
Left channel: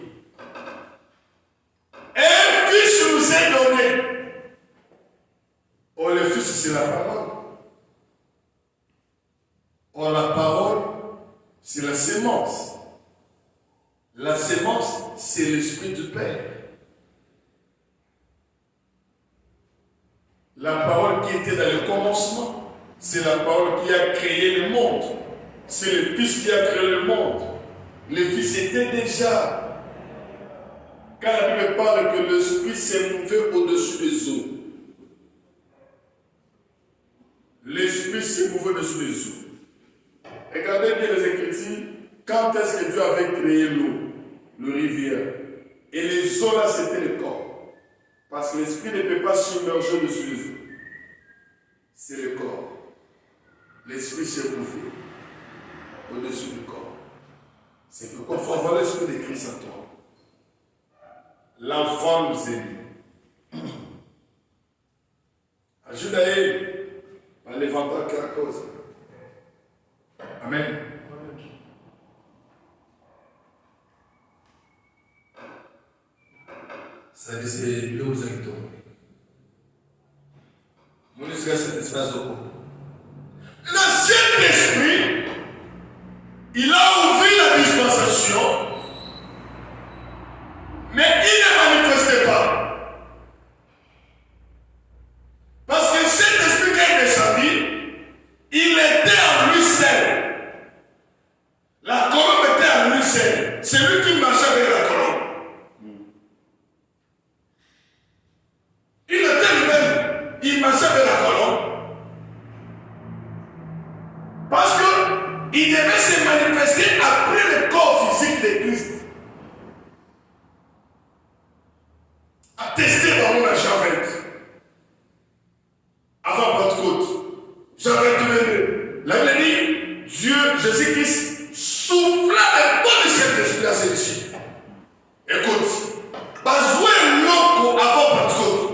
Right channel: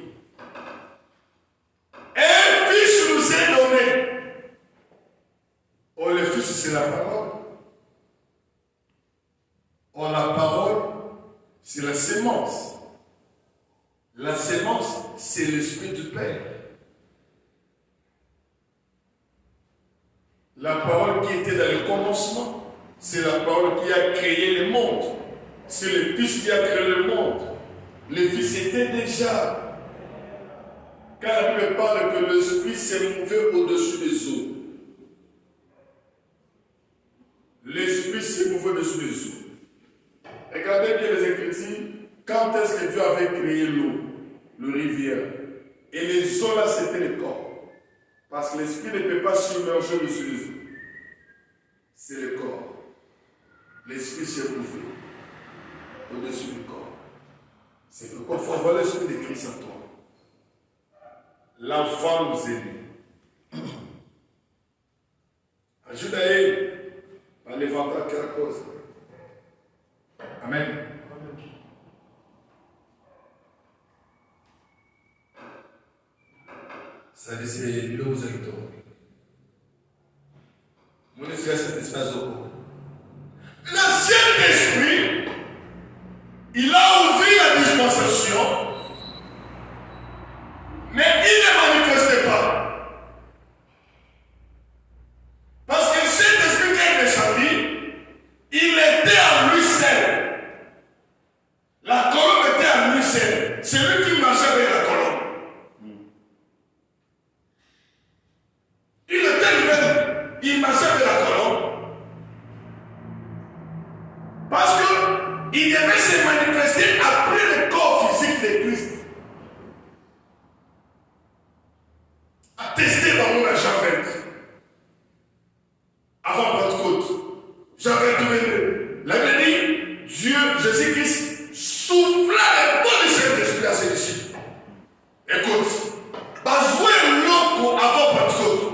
Un Fils nous est donné. Oh, le Fils, c'est la parole. Oh, la parole, c'est la sémence. La sémence, c'est l'Esprit du Père. La parole qui était dans le commencement, c'est la parole qui a créé le monde. C'est le Fils qui a créé le monde. Le Fils était déjà. Quand la Bible parle que l'Esprit s'est mouvé au-dessus des eaux. L'Esprit s'est mouvé au-dessus des eaux. Regardez bien les Écritures. Quand est-ce que Dieu avait créé l'eau, le rivière? Et les eaux là, c'était le corps. Parce que l'Esprit ne peut pas submerger au-dessus des eaux. C'est le corps. L'Esprit s'est mouvé au-dessus du corps. C'est pourquoi il faut avoir l'Esprit de Christ en toi. L'enfant nous aime. Ajudae par l'évangile qui la cause. Amen. Ça dit c'est le vous invitons. Nous ne sommes cet espace au cours. Le Saint-Esprit, il a ouvert la dispensation, mais il ne manifestait pas. Parce que le Saint-Esprit qui est descendu, il était à lui seul. La colombe était à lui seul. C'est lui qui marchait avec la colombe. Il était lui-même. Il marchait avec la colombe. Parce qu'il devait se manifester après le corps physique de Christ. Attesté dans mon Jean 20. Avant Pentecôte. Jean 22. La Bible dit, Dieu, Jésus-Christ, souffla le bon du Saint-Esprit à celui-ci. Écoute, Bazoué l'eau avant Pentecôte.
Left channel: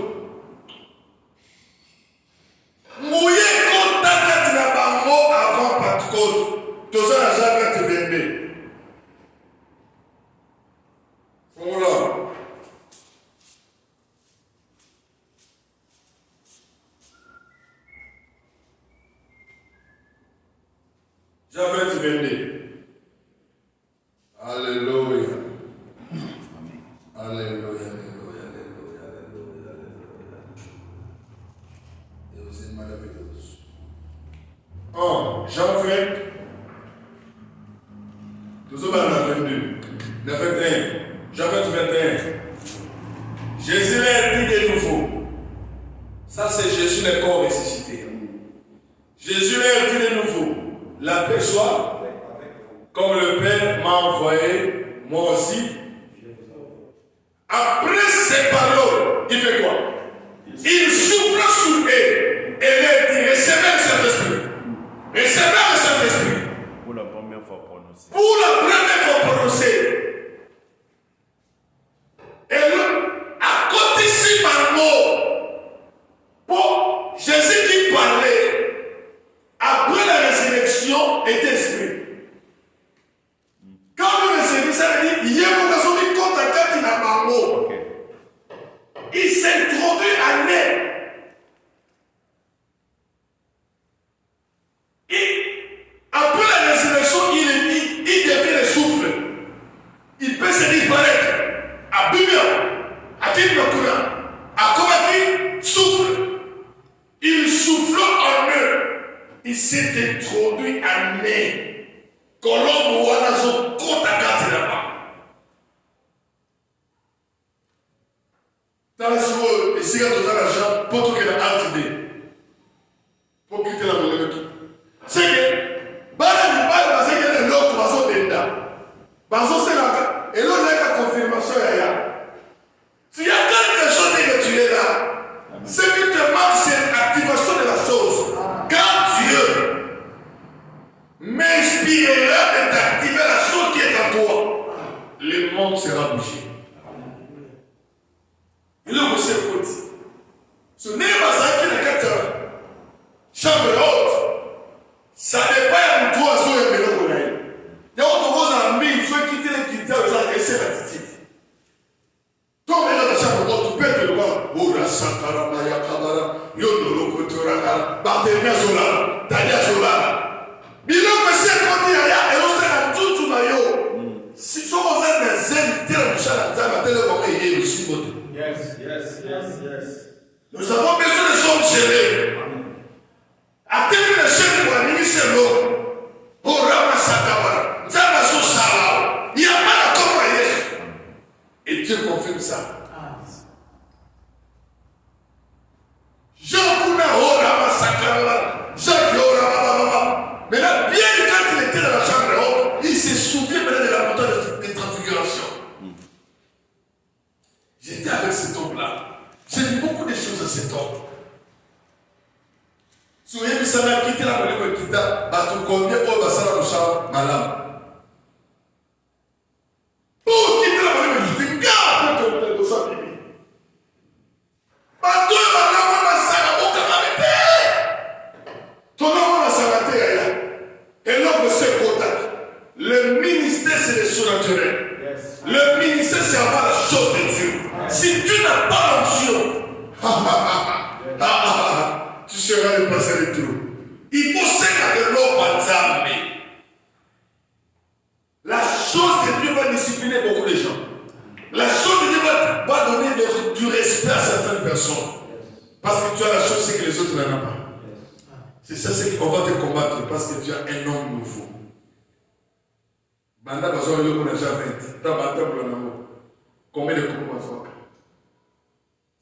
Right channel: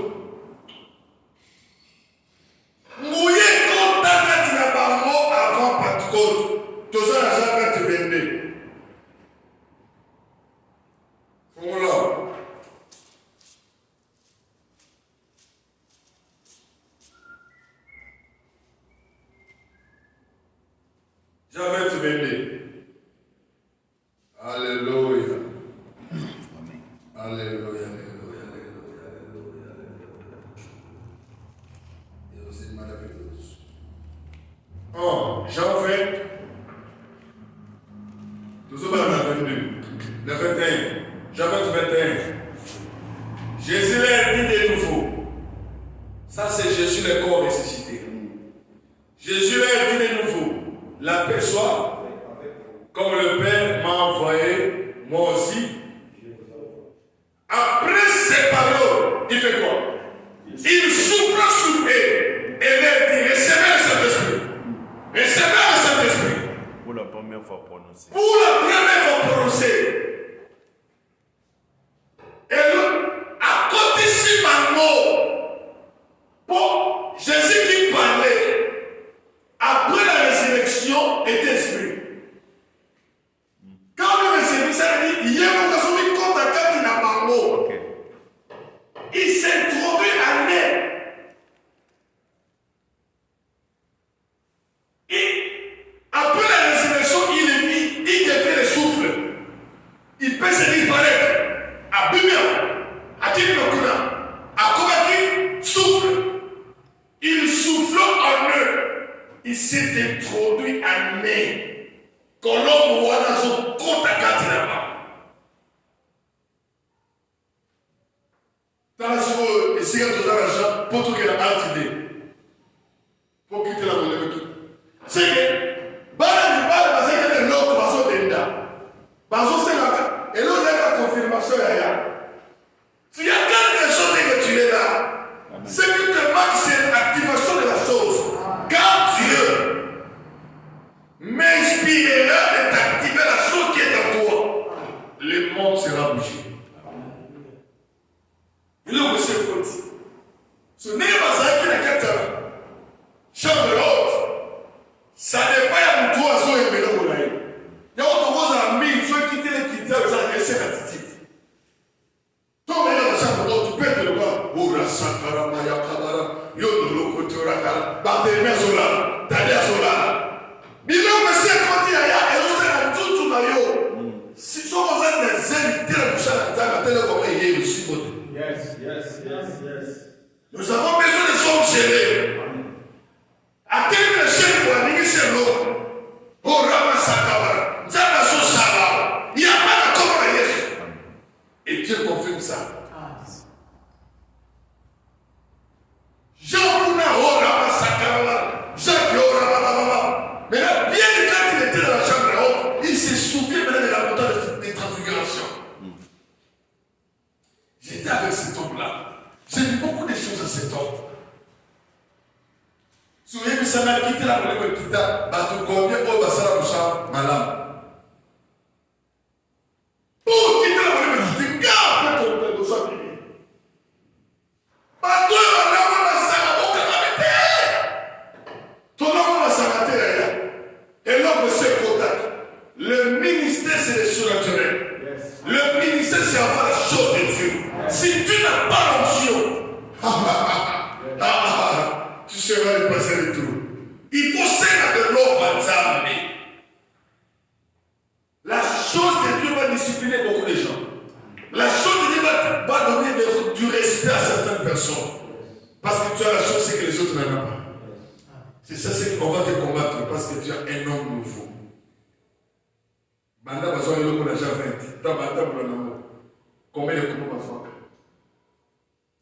Mouillé contact na bango avant Pentecôte. Tout ça, la Jean 22. Voilà. Jean 22. Alléluia. Alléluia, alléluia, alléluia, alléluia, alléluia. Et aussi merveilleux. Jean 20. Nous sommes à la 22. La 21. Jean 22. 21. Jésus leur dit de nouveau. Ça, c'est Jésus le corps ressuscité. Jésus leur dit de nouveau. La paix soit, comme le Père m'a envoyé, moi aussi. Après ces paroles, il fait quoi? Il souffle sur eux et leur dit, recevez le Saint-Esprit. Recevez le Saint-Esprit. Pour la première fois prononcé. Pour la première fois prononcé. Et à côté de mot, pour Jésus qui parlait, après la résurrection et d'esprit. Quand nous recevons ça, il dit, il y a une occasion de contacter dans Mango. Il s'introduit en elle. Après la résurrection, il devient le souffle. Il peut se disparaître. À Bimio, à Kinokuna, à Komaki, souffle. Il souffle en eux. Il s'est introduit en eux. Colombo Wanazo Kotakati là-bas. Dans la seconde, ici, dans l'argent, pour tout que la altitude. Pour quitter la monnaie. C'est que, Bala Mubal, c'est que l'autre, Bazo Denda. Bazo Senaka. Et l'autre, c'est la confirmation, Yaya. S'il y a quelque chose que tu es là, ce qui te manque, c'est l'activation de la chose. Quand Dieu m'inspirera de t'activer la chose qui est en toi, le monde sera bougé. Et là, vous savez quoi? Ce n'est pas ça qui n'a qu'à te chambre haute. Ça n'est pas pour toi, ça est bien pour elle. Il y a autre chose en mille, soit quitter les quitter, vous allez laisser la petite. Toi, dans la chambre haute, tu peux être le bas. Oh, la sankara, maya kabara, yodolo, kotoraka, barthélémia zola, tadia zola. Bilo monsieur quand il y a et on s'est tout tout maillot. Si son voisin des zen tire le chat à la télé comme il est aussi bon. Yes. Nous avons besoin de son chéri. À tel le chéri pour la c'est l'eau. Oh Rama Sakabara. Zama so sala. Il n'y a pas de comme à Yesu. Et Dieu confirme ça. Jean Kuna oh Rama Sakabara. Jacques oh Rama. Mais là, bien quand il était dans la chambre haute, il se souvient maintenant de la montagne de transfiguration. J'étais avec cet homme-là. J'ai vu beaucoup de choses à cet homme. Souvenez-vous, ça m'a quitté la monnaie de Kita, bateau combien pour passer la bouche malam. Pour quitter la monnaie de Kita, après ton père de sa bibi. Bateau et malam, on a ça, on a calamité. Ton homme, on a ça, et l'homme se contact. Le ministère, c'est le surnaturel. Yes. Le ministère, c'est avoir la chose de Dieu. Yes. Si tu n'as pas l'onction, tu seras le passé de tout. Il faut s'aider de l'eau par exemple. La chose de Dieu va discipliner beaucoup de gens. La chose de Dieu va donner du respect à certaines personnes. Parce que tu as la chose, c'est que les autres n'en ont pas. C'est ça, c'est qu'on va te combattre parce que tu as un homme nouveau. Banda bazo yo ko na ja 20. Ta banda bula na mo. Combien de coups bazo?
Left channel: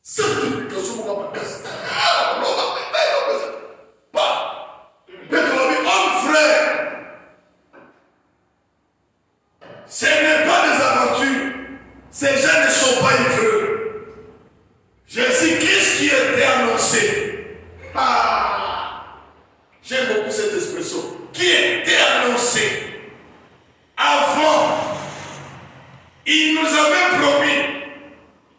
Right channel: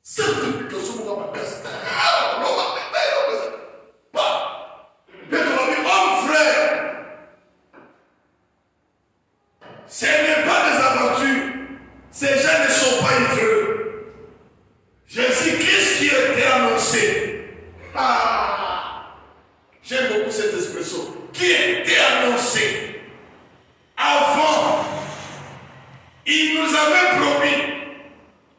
Certification pour ma test. Non, pas. Peut-être mi homme frère. Ce n'est pas des aventures. Ces gens ne sont pas ivreux. Jésus-Christ qui était annoncé. J'aime beaucoup cette expression. Qui était annoncé. Avant, il nous avait promis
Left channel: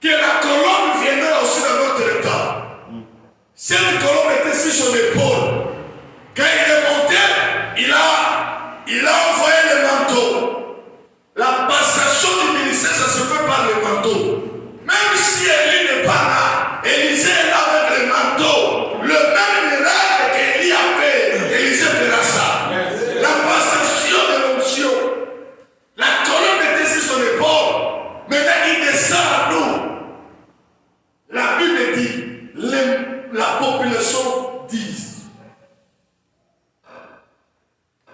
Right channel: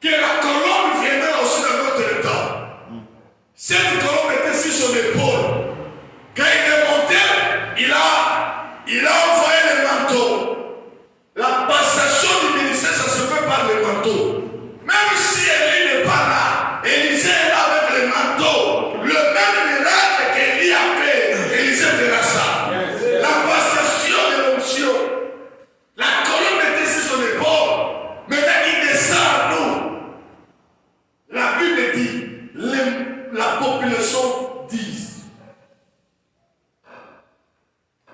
que la colombe viendrait aussi dans notre temps. Cette colombe était sur son épaule. Quand il est monté, il a envoyé le manteau. La passation du ministère, ça se fait par le manteau. Même si Élie n'est pas là, Élisée est là avec le manteau. Le même miracle qu'Élie a fait, Élisée fera ça. La passation de l'onction. La colonne était sur son épaule. Maintenant, il descend à nous. La Bible dit, la population dit.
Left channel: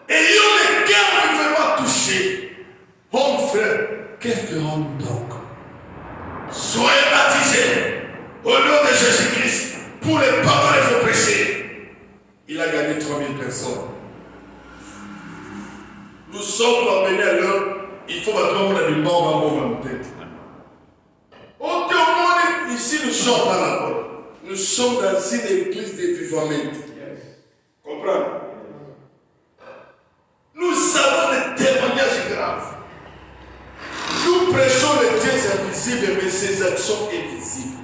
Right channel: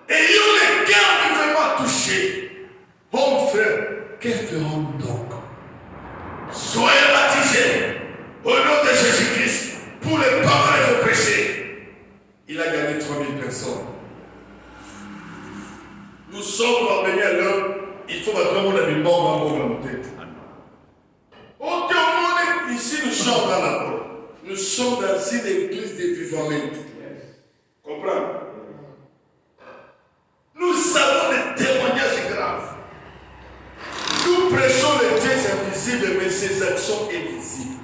Ayant le cœur vraiment touché. Mon frère, qu'est-ce que rend donc? personne. Nous sommes parvenus à l'heure, il faut maintenant qu'on a des morts dans nos têtes. Au monde, ici, nous sommes dans la porte. Nous sommes dans une église de vivants. Comprends? Nous avons des témoignages graves. Nous prêchons les dieux invisibles, mais ses actions invisibles.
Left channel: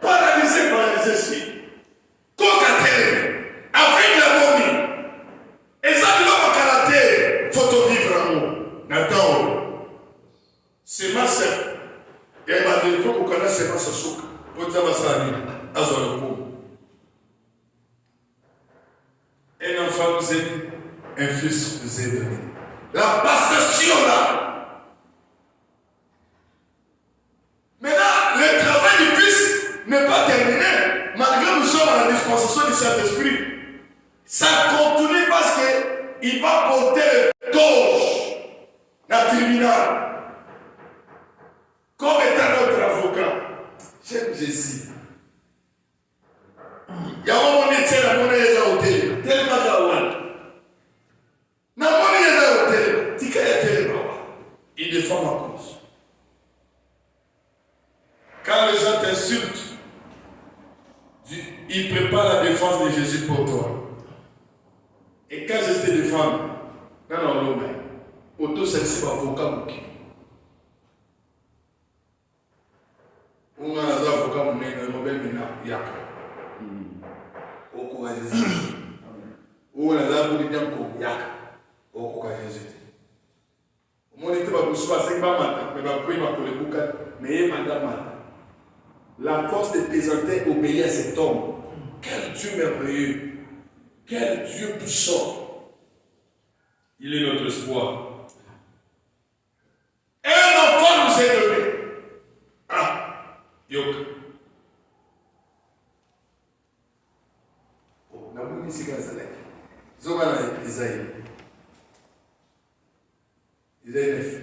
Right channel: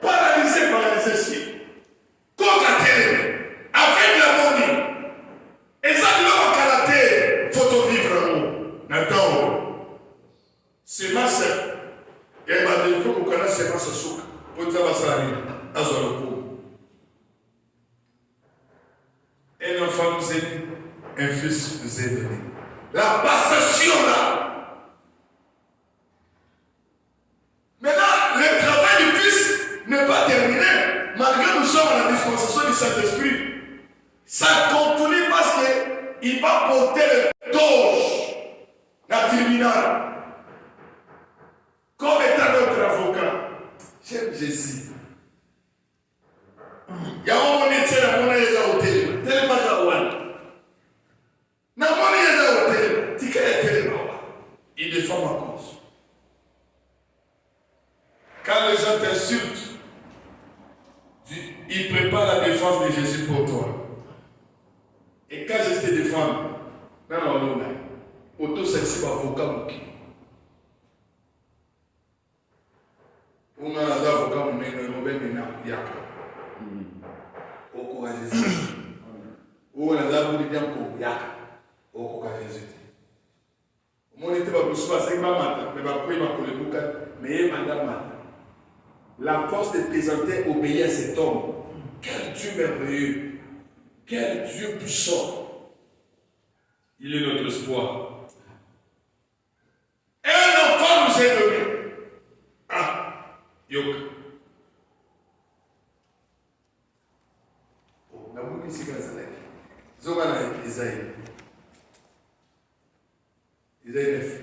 Paralysé, si. Coca-Cola, avec la monnaie. Et ça, nous avons caractère. Faut vivre amour. Attends. C'est ma sœur. Et ma défaut pour qu'on a c'est ma souk. Pour dire ma sœur, un enfant nous est donné, un fils nous est donné. La passation là. Maintenant, le travail du fils n'est pas terminé. Malgré nous sommes à la dispensation du Saint-Esprit. Ça continue parce qu'il va porter le torche dans le tribunal. Comme étant notre avocat. J'aime Jésus. Il y a un moment où il y a un hôtel. Tellement il défend ma cause. Quand les gens t'insultent, ils préparent la défense de Jésus pour toi. Et quand je te défends, non, mais auto celle-ci va avocat. On a un avocat, mais il y a au courage de Jésus. Ou on a un avocat, il y a au courage de Jésus. Mon était pas pour soi, c'est pas mais pas pour le boucan, mais madame. La force de présenter obéir à cet homme. Quel Dieu merveilleux, quel Dieu puissant. Il est notre espoir. Un enfant nous est donné. Ah, Yok. On a voulu ici quand ça l'est. Zogana Isaïe. Isaïe 9.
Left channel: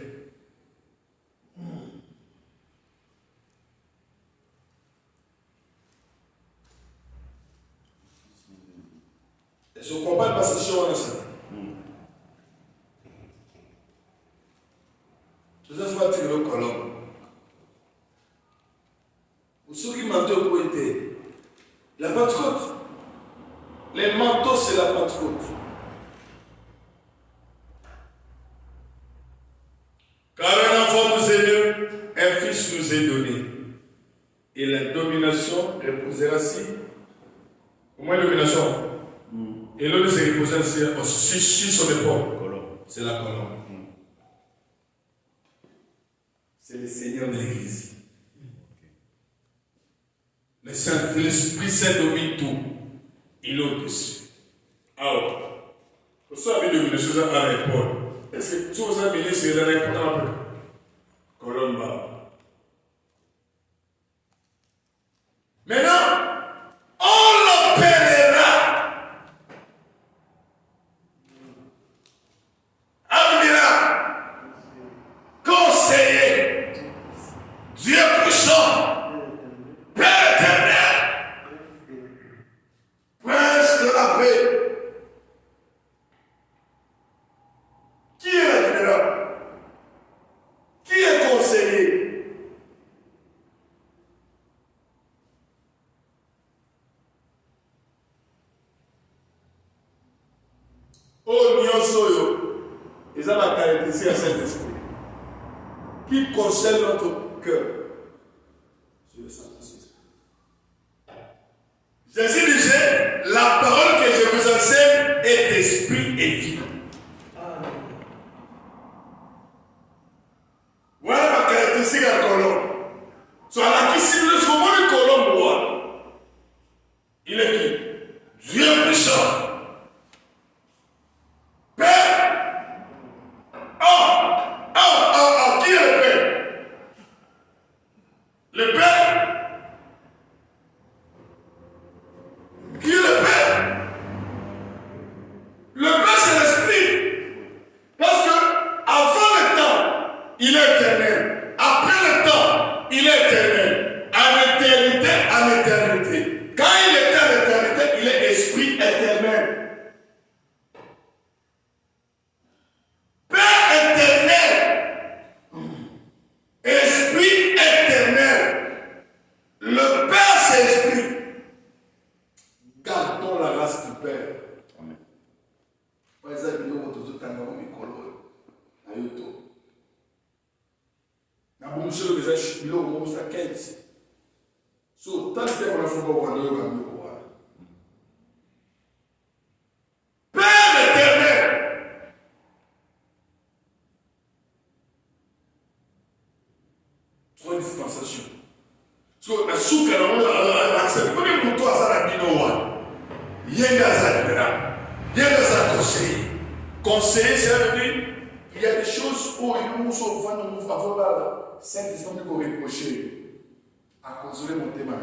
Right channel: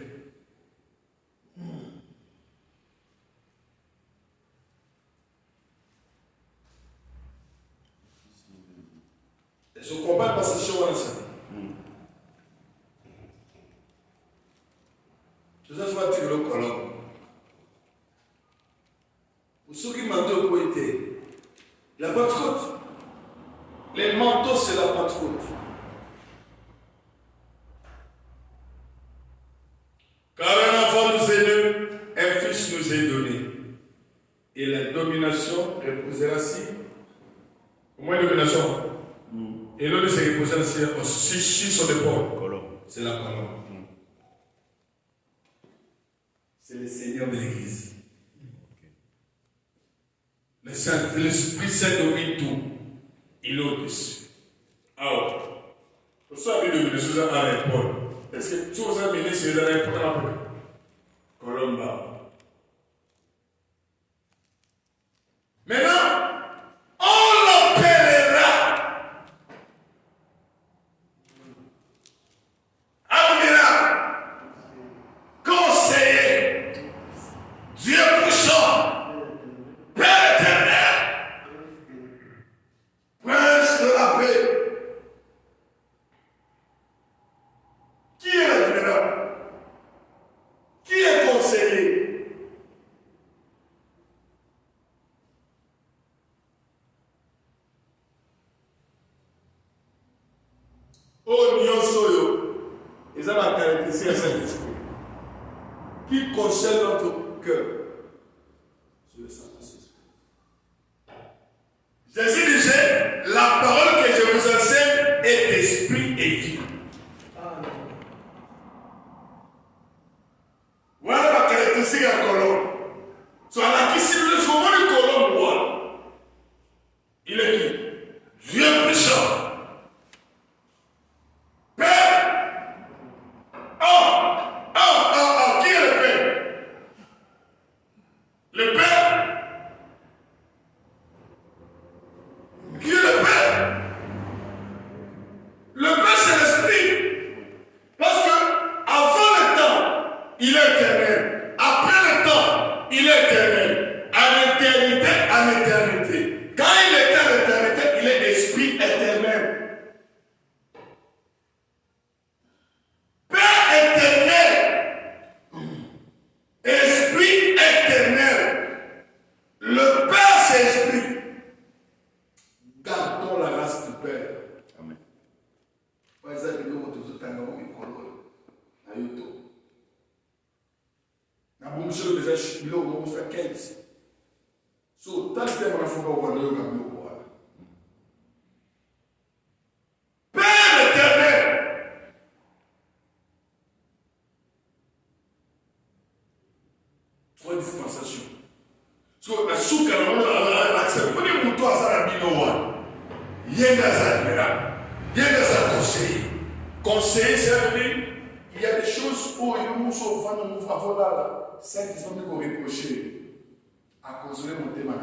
Est-ce qu'on comprend pas cette chose ensemble? Je vais faire tirer le colon. Pour ceux qui manteau pour été, la Pentecôte. Les manteaux, c'est la Pentecôte. Car un enfant nous est donné, un fils nous est donné. Et la domination reposera au moins domination. Et l'autre se reposera sur son épaule. C'est la colonne. C'est le Seigneur de l'Église. L'Esprit Saint domine tout. Il est au-dessus. Alors, pour ça, il y a une domination à l'épaule. Est-ce que tu vous as mis sur l'épaule? Colomba. Maintenant, on l'appellera admirable, conseiller, Dieu puissant, Père éternel, Prince de la paix. Qui est l'admirable? Qui est conseiller? Oh, Nyosoyo, ils ont la caractéristique à Saint-Esprit qui concerne notre cœur. C'est le Saint-Esprit. Jésus disait, la parole que je vous enseigne est esprit et vie. Voilà la caractéristique à colombe. Soit la question de ce moment de colombe, il est qui? Dieu puissant. Père. Qui est le Père? Le Père. Qui est le Père? Le Père, c'est l'Esprit. Parce que avant le temps, il est éternel. Après le temps, il est éternel. En éternité, en éternité. Quand il est en éternité, il est esprit éternel. Na bomusolo déjà biloko moko sa 15. So tant que mon enfant va voir le Père éternel, trois dispensations. So na suka na accepte. Quand on toi ça la binowa. Yenga ça libéral. Yenga ça conseiller. Conseiller ça veut dire il y a des choses où ils nous sont vendus nous avons là. C'est qu'ils sont nous reprocher à cause de mon thème là.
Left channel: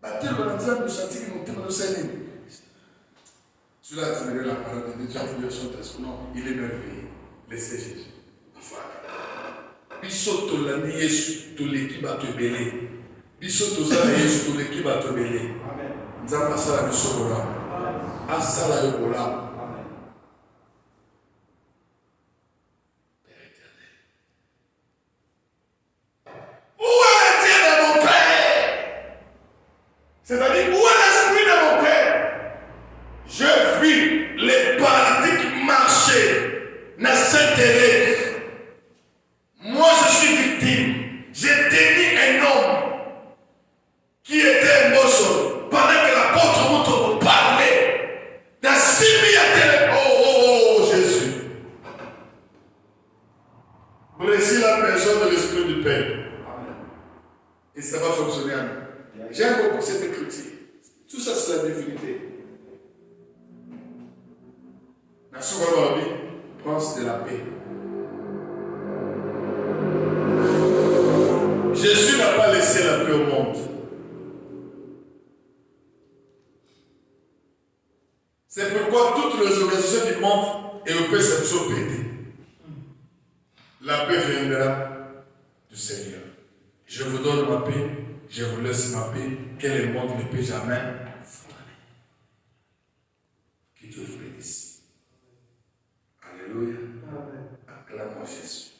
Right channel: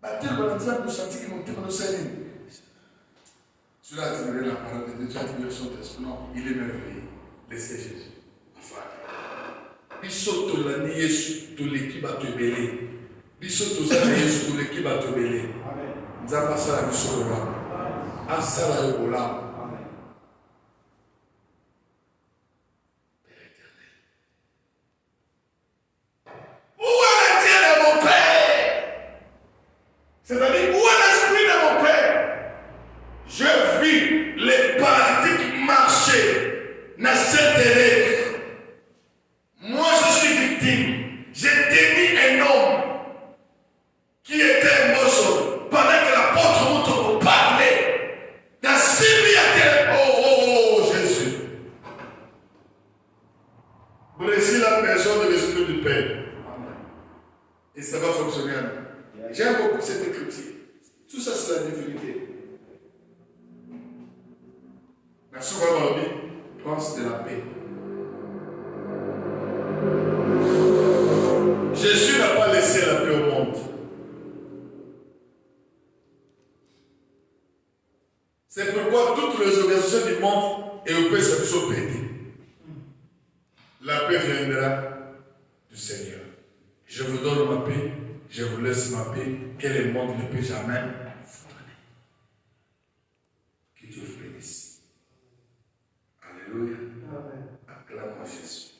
Bah tellement de gens nous sentir que mon thème nous saigne. Tu l'as tiré la parole de Dieu, tu as tiré son test. Non, il est merveilleux. Laissez Jésus. Biso to la ni Yesu to l'équipe à te mêler. Biso to za Yesu to l'équipe à te mêler. Amen. Nzamba sala biso ola. Asala yo ola. Amen. Père éternel. Où est le Dieu de mon Père? C'est-à-dire, où est l'esprit de mon Père? Je vis les paralytiques marcher. N'a s'intérêt. Moi, je suis victime. J'ai tenu un homme qui était mosso pendant que l'apôtre Mouton parlait. Dans 6 000 oh Jésus. Blessez la personne de l'Esprit du Père. Et ça va fonctionner à nous. J'aime beaucoup cette écriture. Tout ça, c'est la divinité. La souveraine vie, prince de la paix. Jésus n'a pas laissé la paix au monde. C'est pourquoi toutes les organisations du monde européennes sont pétées. La paix viendra du Seigneur. Je vous donne ma paix, je vous laisse ma paix, que le monde ne peut jamais vous donner. Que Dieu vous bénisse. Alléluia. Acclame-moi Jésus.